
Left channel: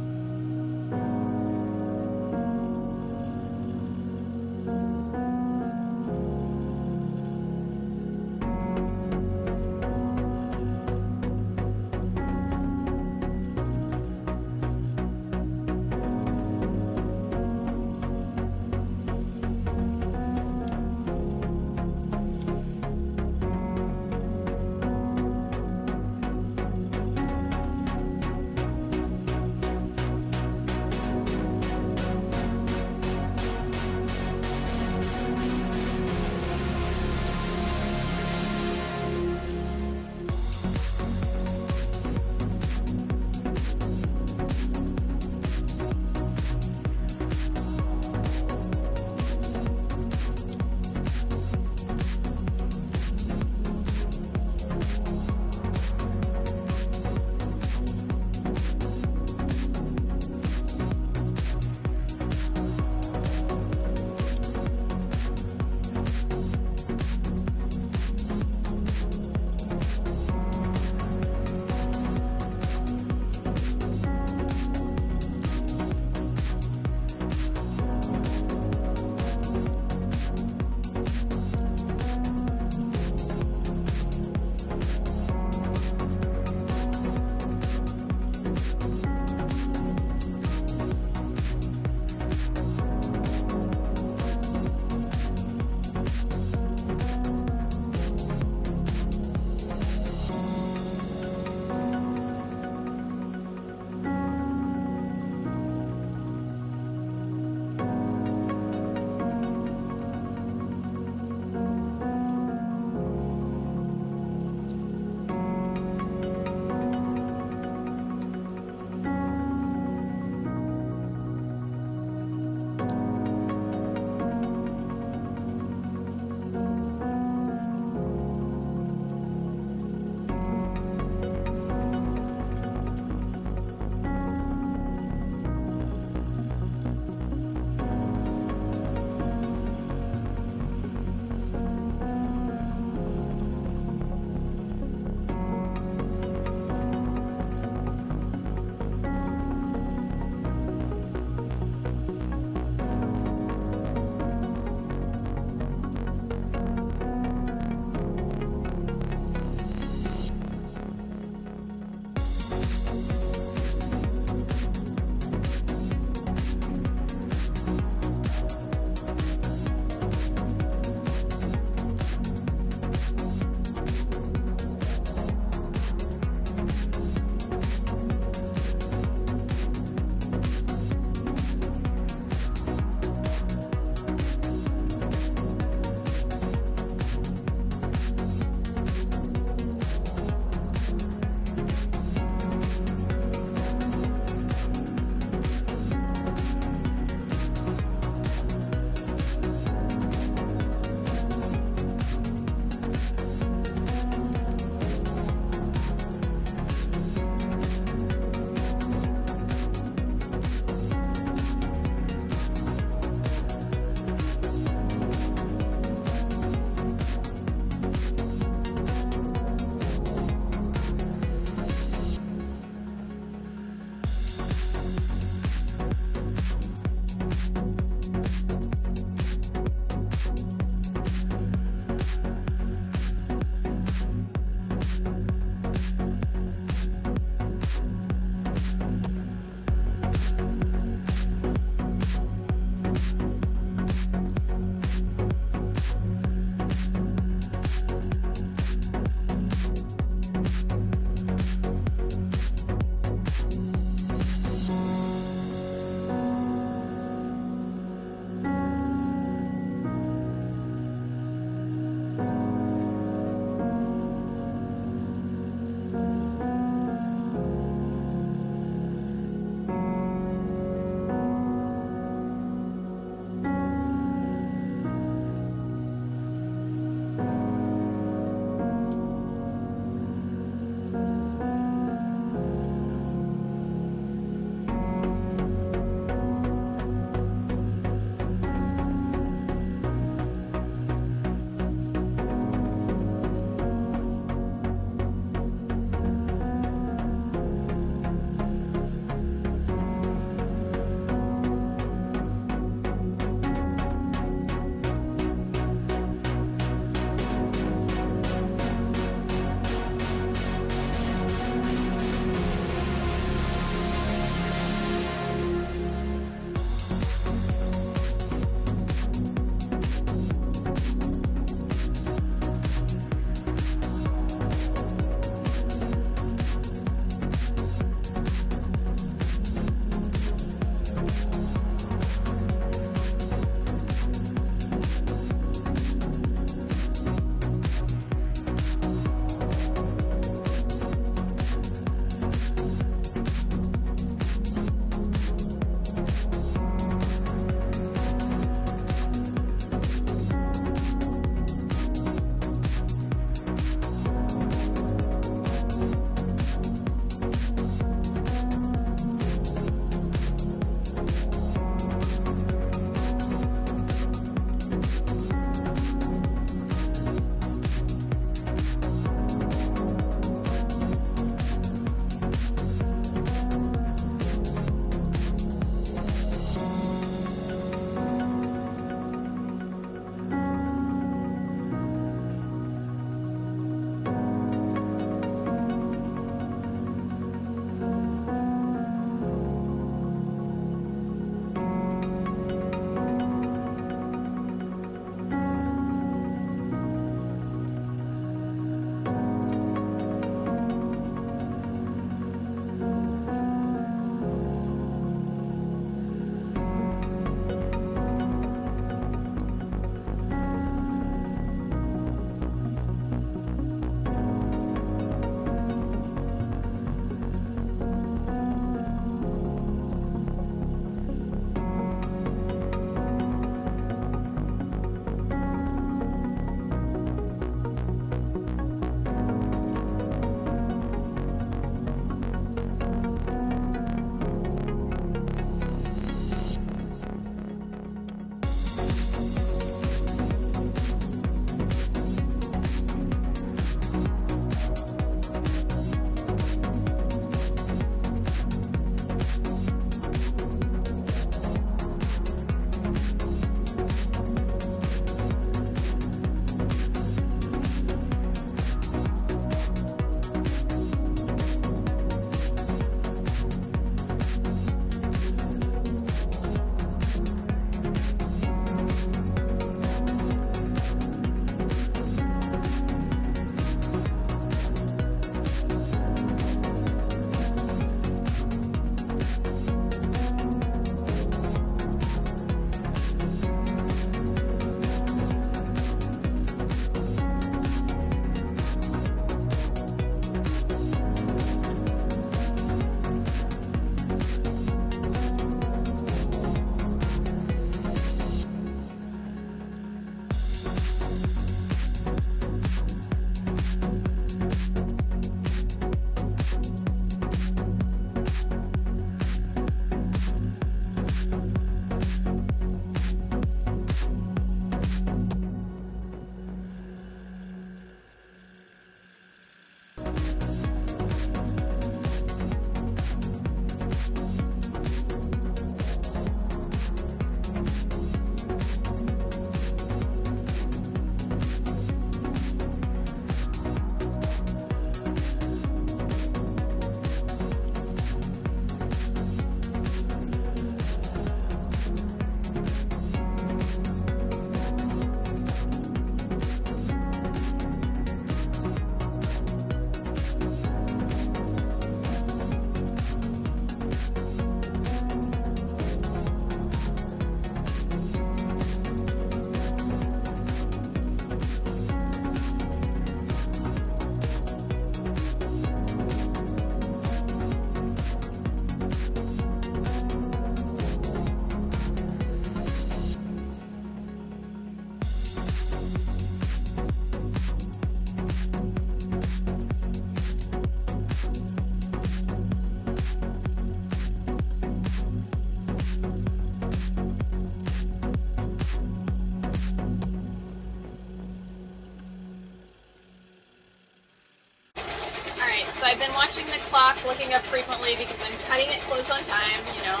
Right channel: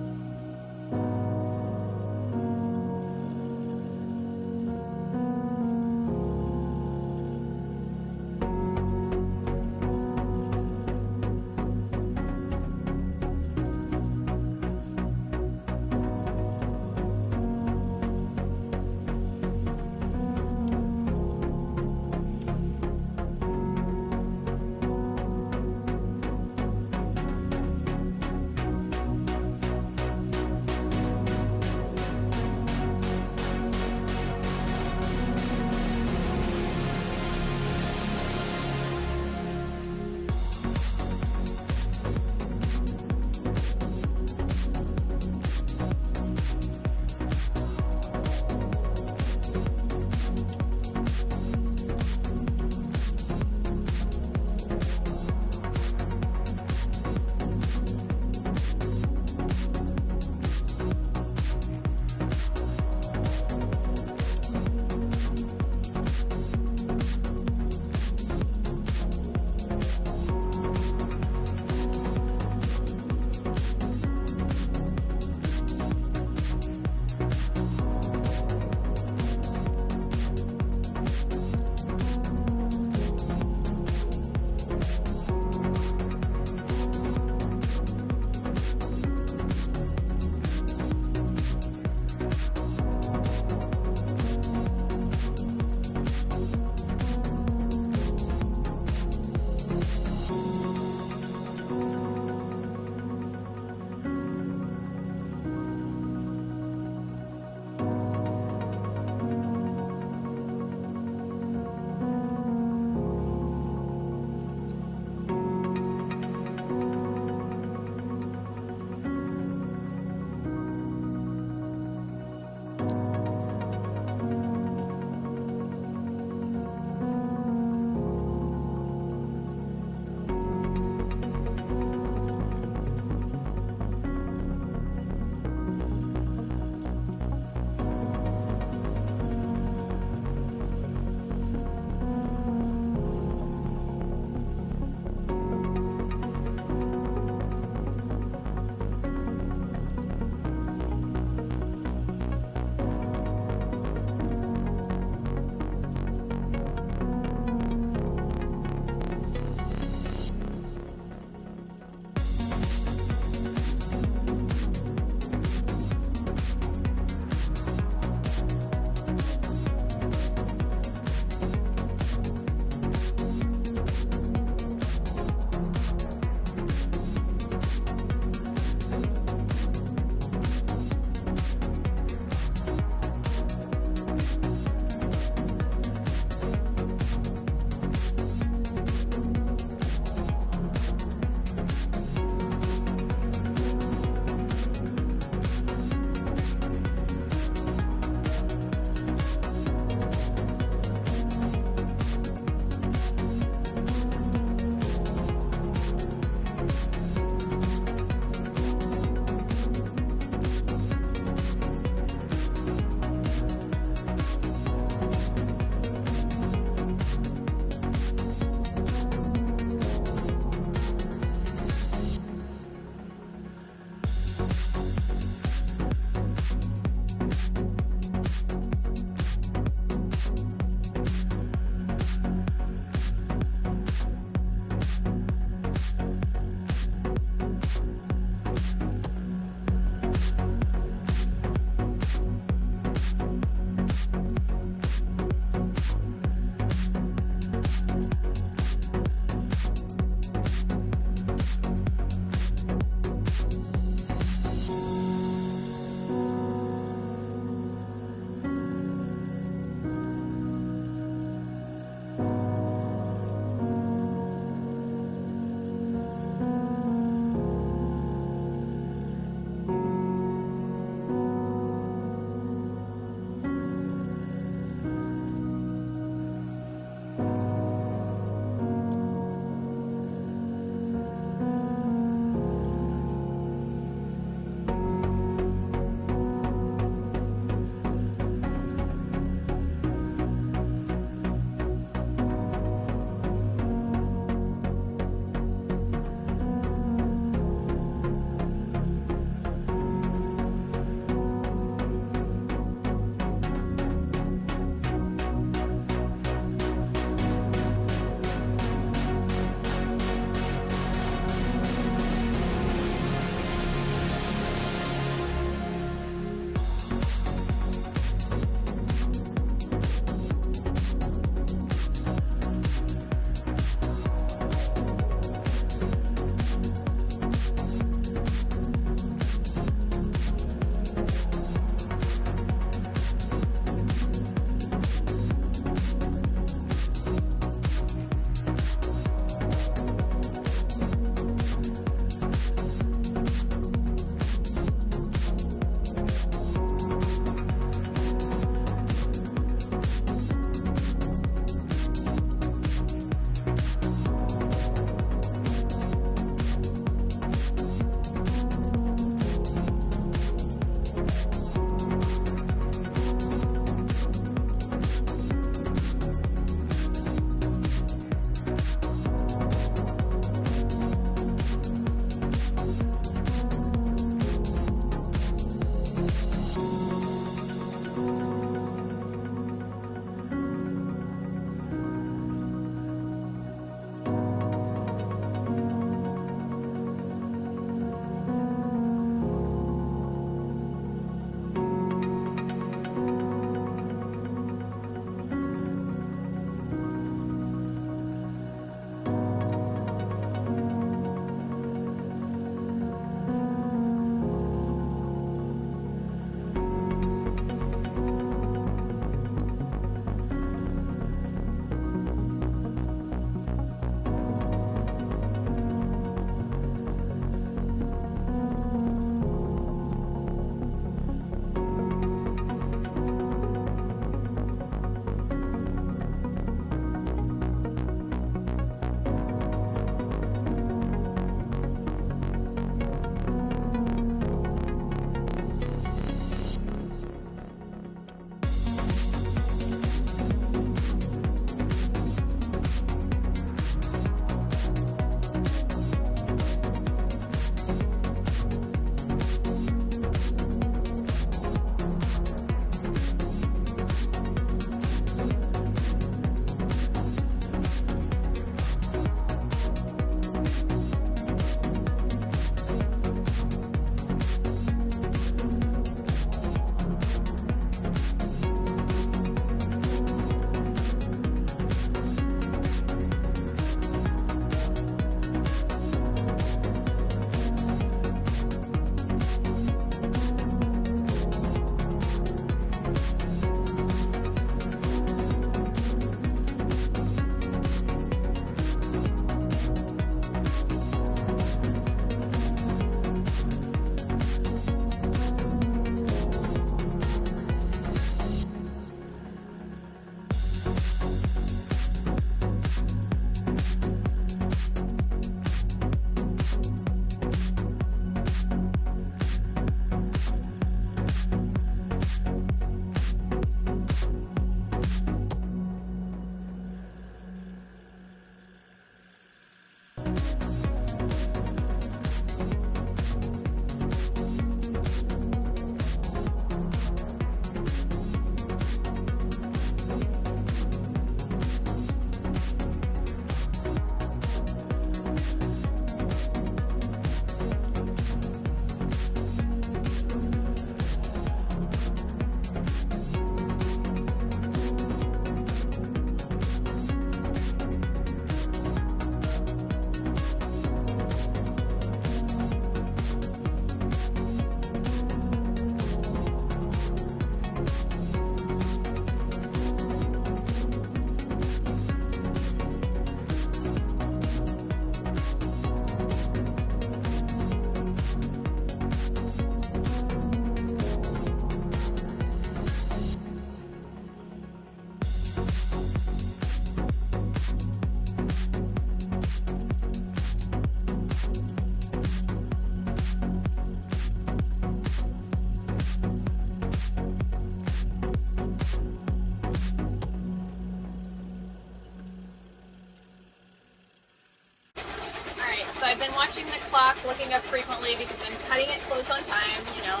So I've been watching the clock, looking up frequently because I'm cutting it close on time, you know,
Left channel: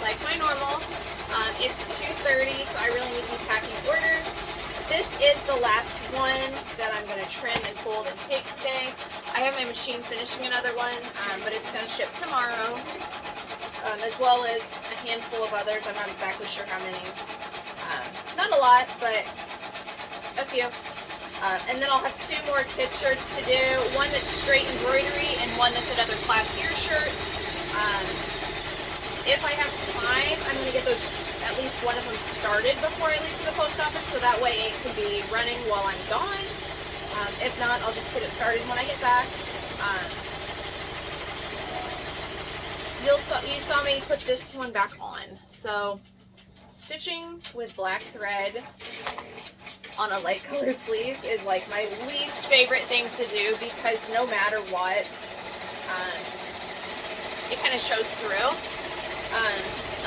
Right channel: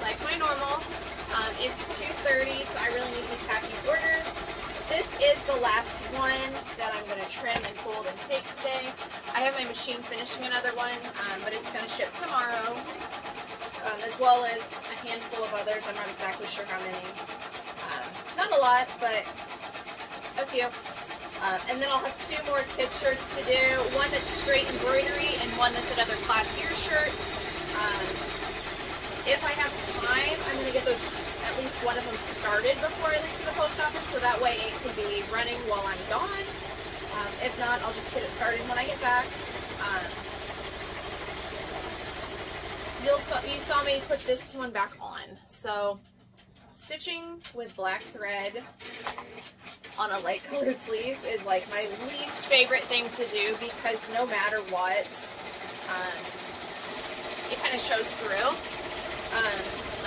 like my normal. It's 2:30, so I really need to be packing orders. This is the last one that I'm going to trim and fold and take today. I have my machine finishing another one, but it's going to ship tomorrow, as well as a handful of others. I'm not exactly sure how many. Not a lot, but a few. And then I'll have 2 more kid shirts to do. One that's straight embroidery and one that's another classier shirt. If I have time, I'm going to get those, at least one of them started before I leave for the post office, so that way it can be running while I'm gone. If not, I'll just get it started when I get back. You saw me put this one back on. So, stitching with black thread on a light colored fleece is like my least favorite thing to do, because no matter what, it kind of shows through.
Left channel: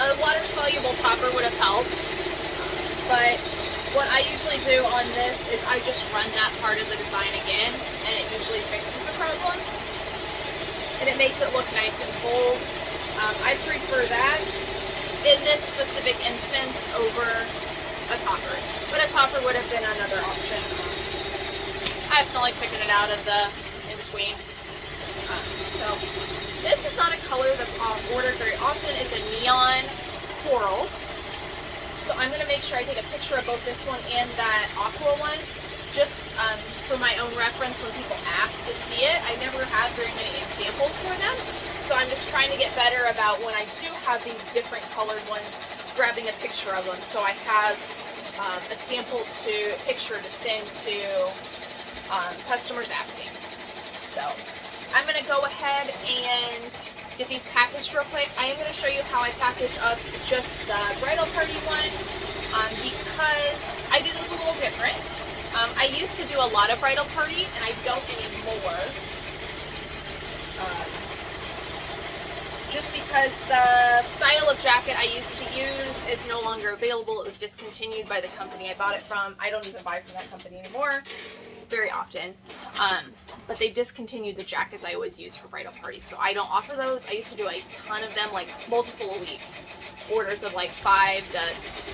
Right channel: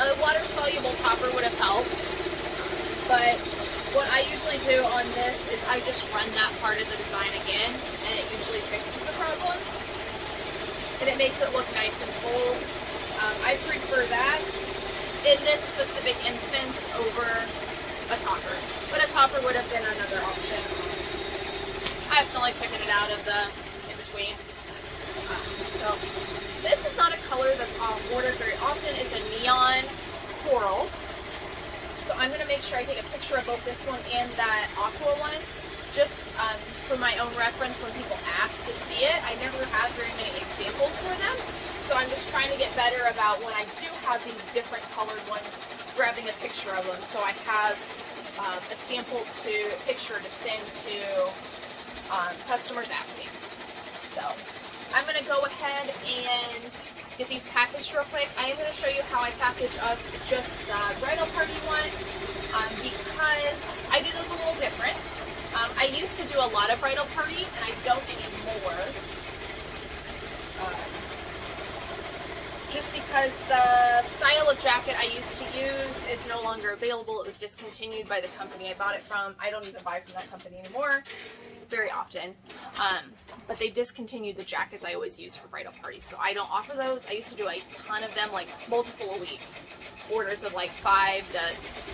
A water soluble topper would have helped, but what I usually do on this is I just run that part of the design again, and it usually fixes the problem, and it makes it look nice and bold. I prefer that in this specific instance over a topper, but a topper would have been another option. I just don't like picking it out of the in-between. So this is not a color that's ordered very often. It's a neon coral. So I'm going to make sure I take a picture of both this one and that aqua one, just for my own reference when people ask to see it. I never have very many examples for them. So I'm just trying to get better about when I do have these different colored ones, grabbing a picture of them. So I have a sample picture to send to customers asking. So I'm going to go ahead and get these packaged real quick. I am going to show you how I package up just the bridal party one, because I do those a little different. I used to do a lot of bridal party, and I don't anymore. Just because the style of jacket I used to use is no longer available. It was discontinued by the company I bought it from. I don't even buy from that company anymore very often. But they discontinued the jackets I always used for bridal parties, so I don't offer those. I used to do a ton of them, like multiple a week. Orders of like 5 to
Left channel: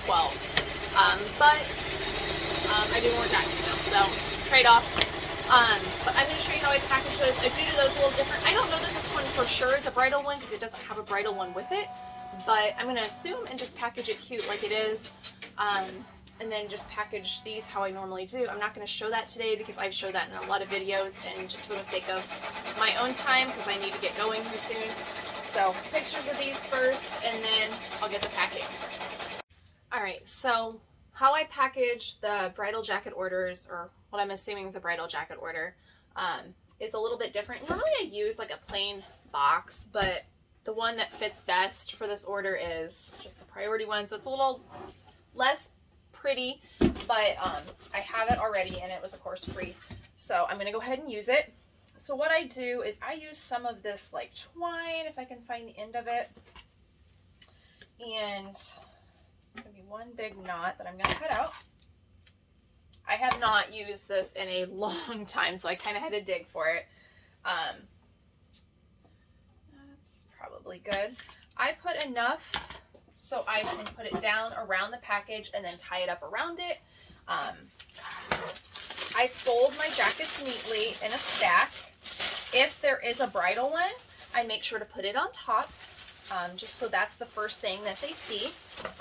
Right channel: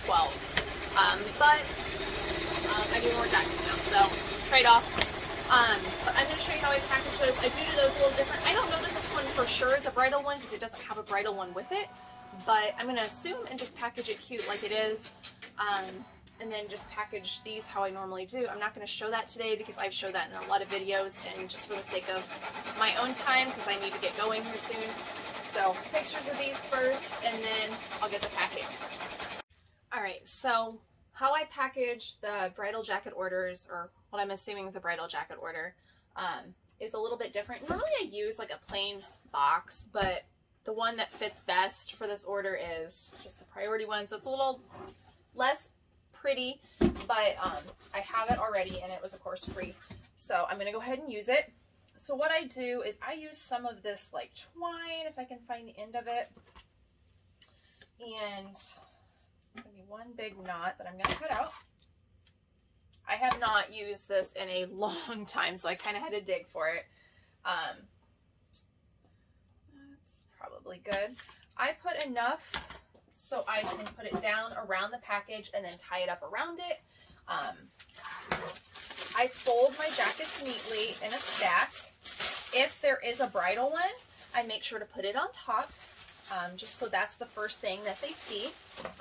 12. But I do more jackets now, so trade-off. But I'm going to show you how I package those. I do those a little different. I don't know that this one for sure is a bridal one because it doesn't have a bridal one with it, but I'm going to assume and just package it cute like it is, and then just package these how I normally do. I'm not going to show that today because I've showed that in a lot of videos, and just for the sake of my own time, because I need to get going here soon. So pictures of these first, and then I'll get the packing. Alright, so how I package the bridal jacket orders, or what I'm assuming is a bridal jacket order, is a little bit different. Normally I use like a plain box, but the one that fits best for this order is just the priority one. So it's a little less pretty, but I have it already, and it was of course free. So I'm going to go ahead and use it. So what I do is I use some of this like twine, if I can find the end of it, and it's going to be one big knot that I'm going to cut out. I have not used this in a long time, so I kind of had to dig for it. That's probably good. I put enough so I can put it down around the package and then tie it up around it. I fold my jackets neatly in a stack. If there is a bridal one, I make sure to put it on top, just so that's the first thing that they see.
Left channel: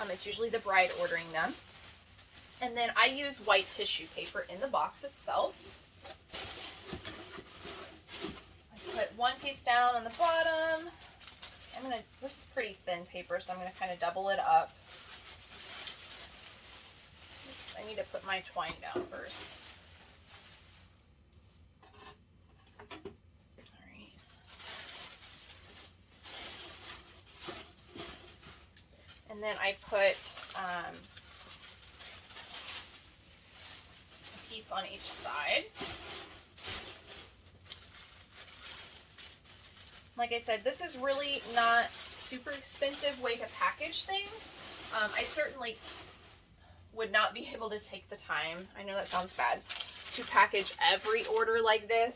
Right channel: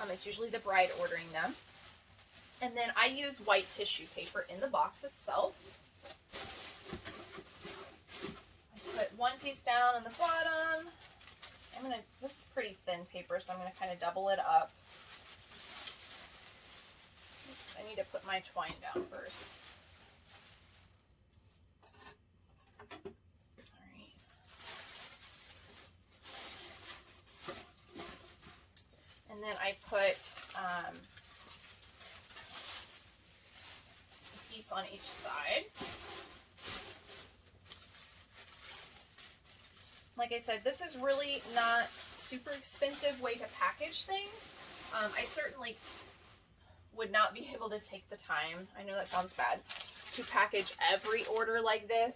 It's usually the bride ordering them. And then I use white tissue paper in the box itself. I put one piece down on the bottom. This is pretty thin paper, so I'm gonna kind of double it up. I need to put my twine down first. Alright. And then I put a piece on each side. Like I said, this is really not super expensive way to package things. I certainly would not be able to take the time, I know that sounds bad, to package every order like this,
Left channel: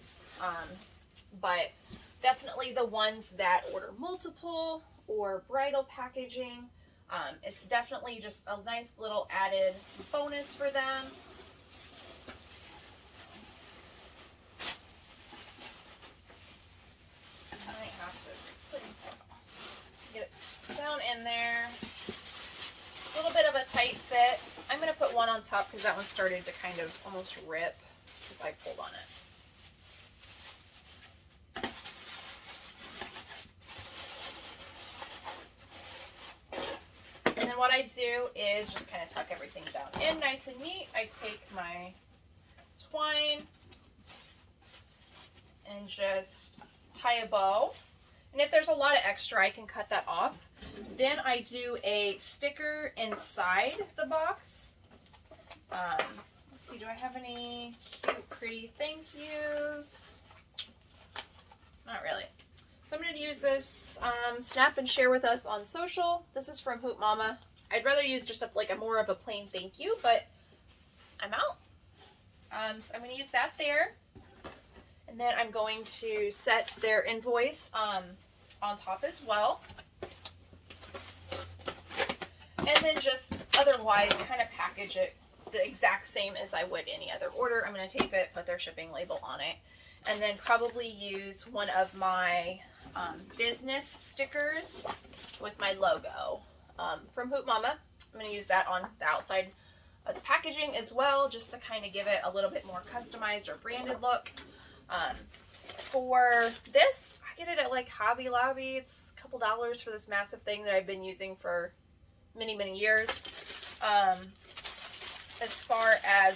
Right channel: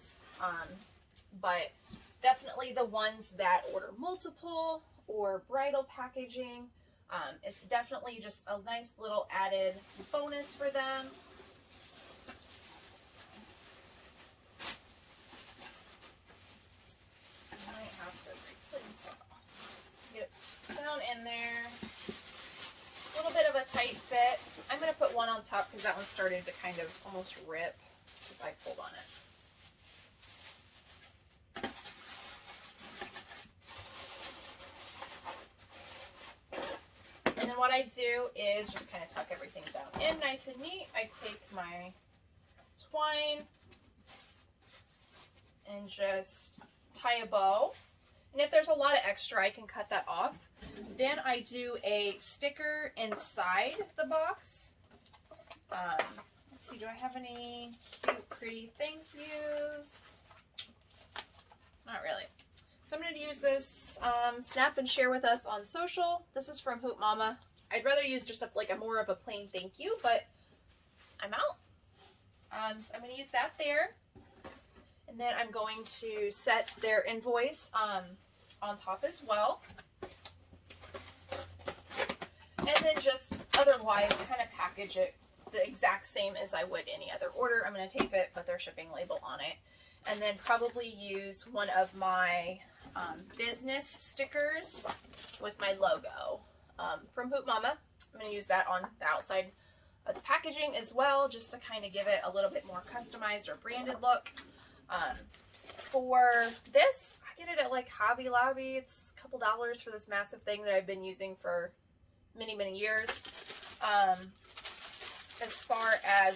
but definitely the ones that order multiple or bridal packaging. It's definitely just a nice little added bonus for them. I might have to get it down in there. A little bit of a tight fit. I'm going to put one on top because that one started to kind of almost rip because I pulled on it. And then what I do is just kind of tuck everything down in nice and neat. I take my twine and just tie a bow. And if there's a lot of extra, I can cut that off. Then I do a sticker inside the box. Let's see, do I have any cute, pretty thank yous? Not really. So I'm going to use this Snap and Share with Us on social. This is from Hoot Mama. I'd rather use just a more of a plain thank you, but I'm out. So I'm going to use that there. And then I'm going to set their invoice on top as well. And then just otherwise kind of package it the exact same as I would any other order. I'm going to tape it, put their shipping label on it. And then probably use one of my business stickers with my logo from Hoot Mama. I'm going to use that on the outside of the packaging as well, just to kind of give it a little bit more customized or branded look. For this, I get it at like Hobby Lobby. It's a couple dollars for this massive thing that I've been using for many, many years. As far as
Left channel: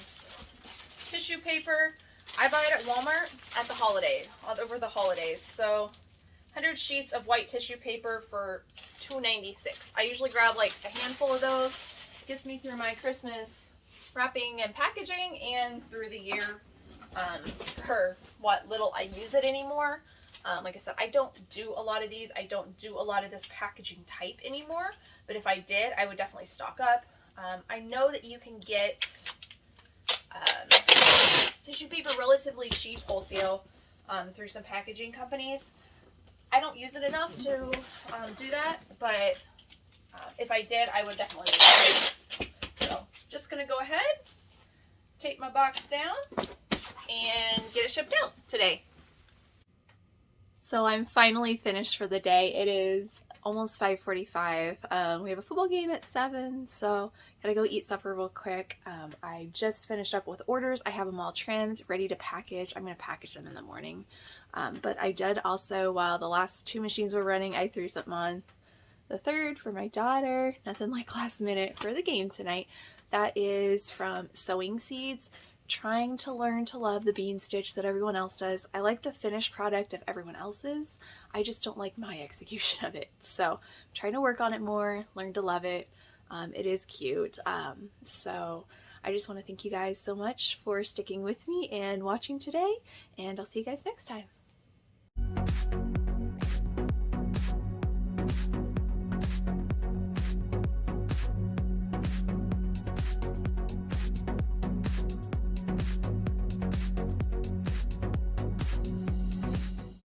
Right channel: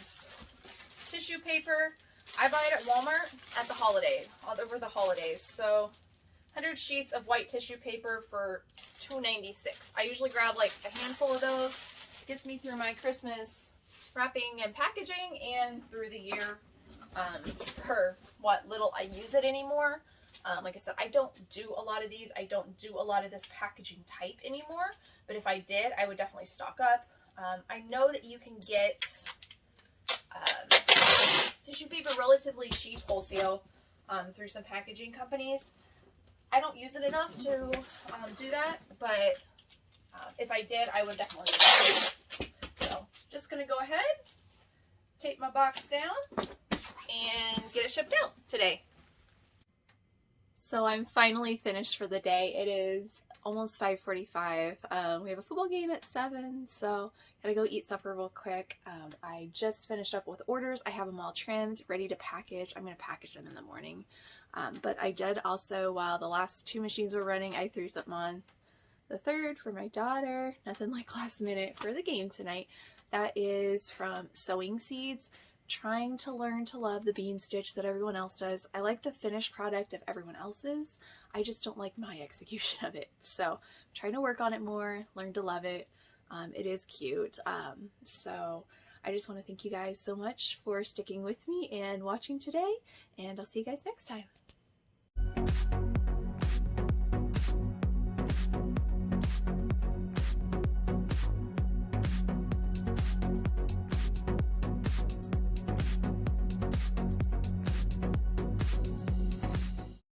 tissue paper, I buy it at Walmart at the holiday, over the holidays. So 100 sheets of white tissue paper for $2.96. I usually grab like a handful of those. Gets me through my Christmas wrapping and packaging and through the year for what little I use it anymore. Like I said, I don't do a lot of these. I don't do a lot of this packaging type anymore. But if I did, I would definitely stock up. I know that you can get tissue paper relatively cheap wholesale through some packaging companies. I don't use it enough to do that, but if I did, I would definitely use it. So just gonna go ahead, tape my box down, and get it shipped out today. So I'm finally finished for the day. It is almost 5:45. We have a football game at 7, so gotta go eat supper real quick. I just finished up with orders. I have them all trimmed, ready to package. I'm gonna package them in the morning. But I did also, while the last 2 machines were running, I threw something on the third for my daughter. Nothing like last minute for the game tonight. That is from Sewing Seeds. Trying to learn to love the bean stitch that everyone else does. I like the finished product of everyone else's. I just don't like my execution of it. So I'm trying to work on it more, learn to love it. It is cute. So I just want to thank you guys so much for sticking with me and watching today, and I'll see you guys next time.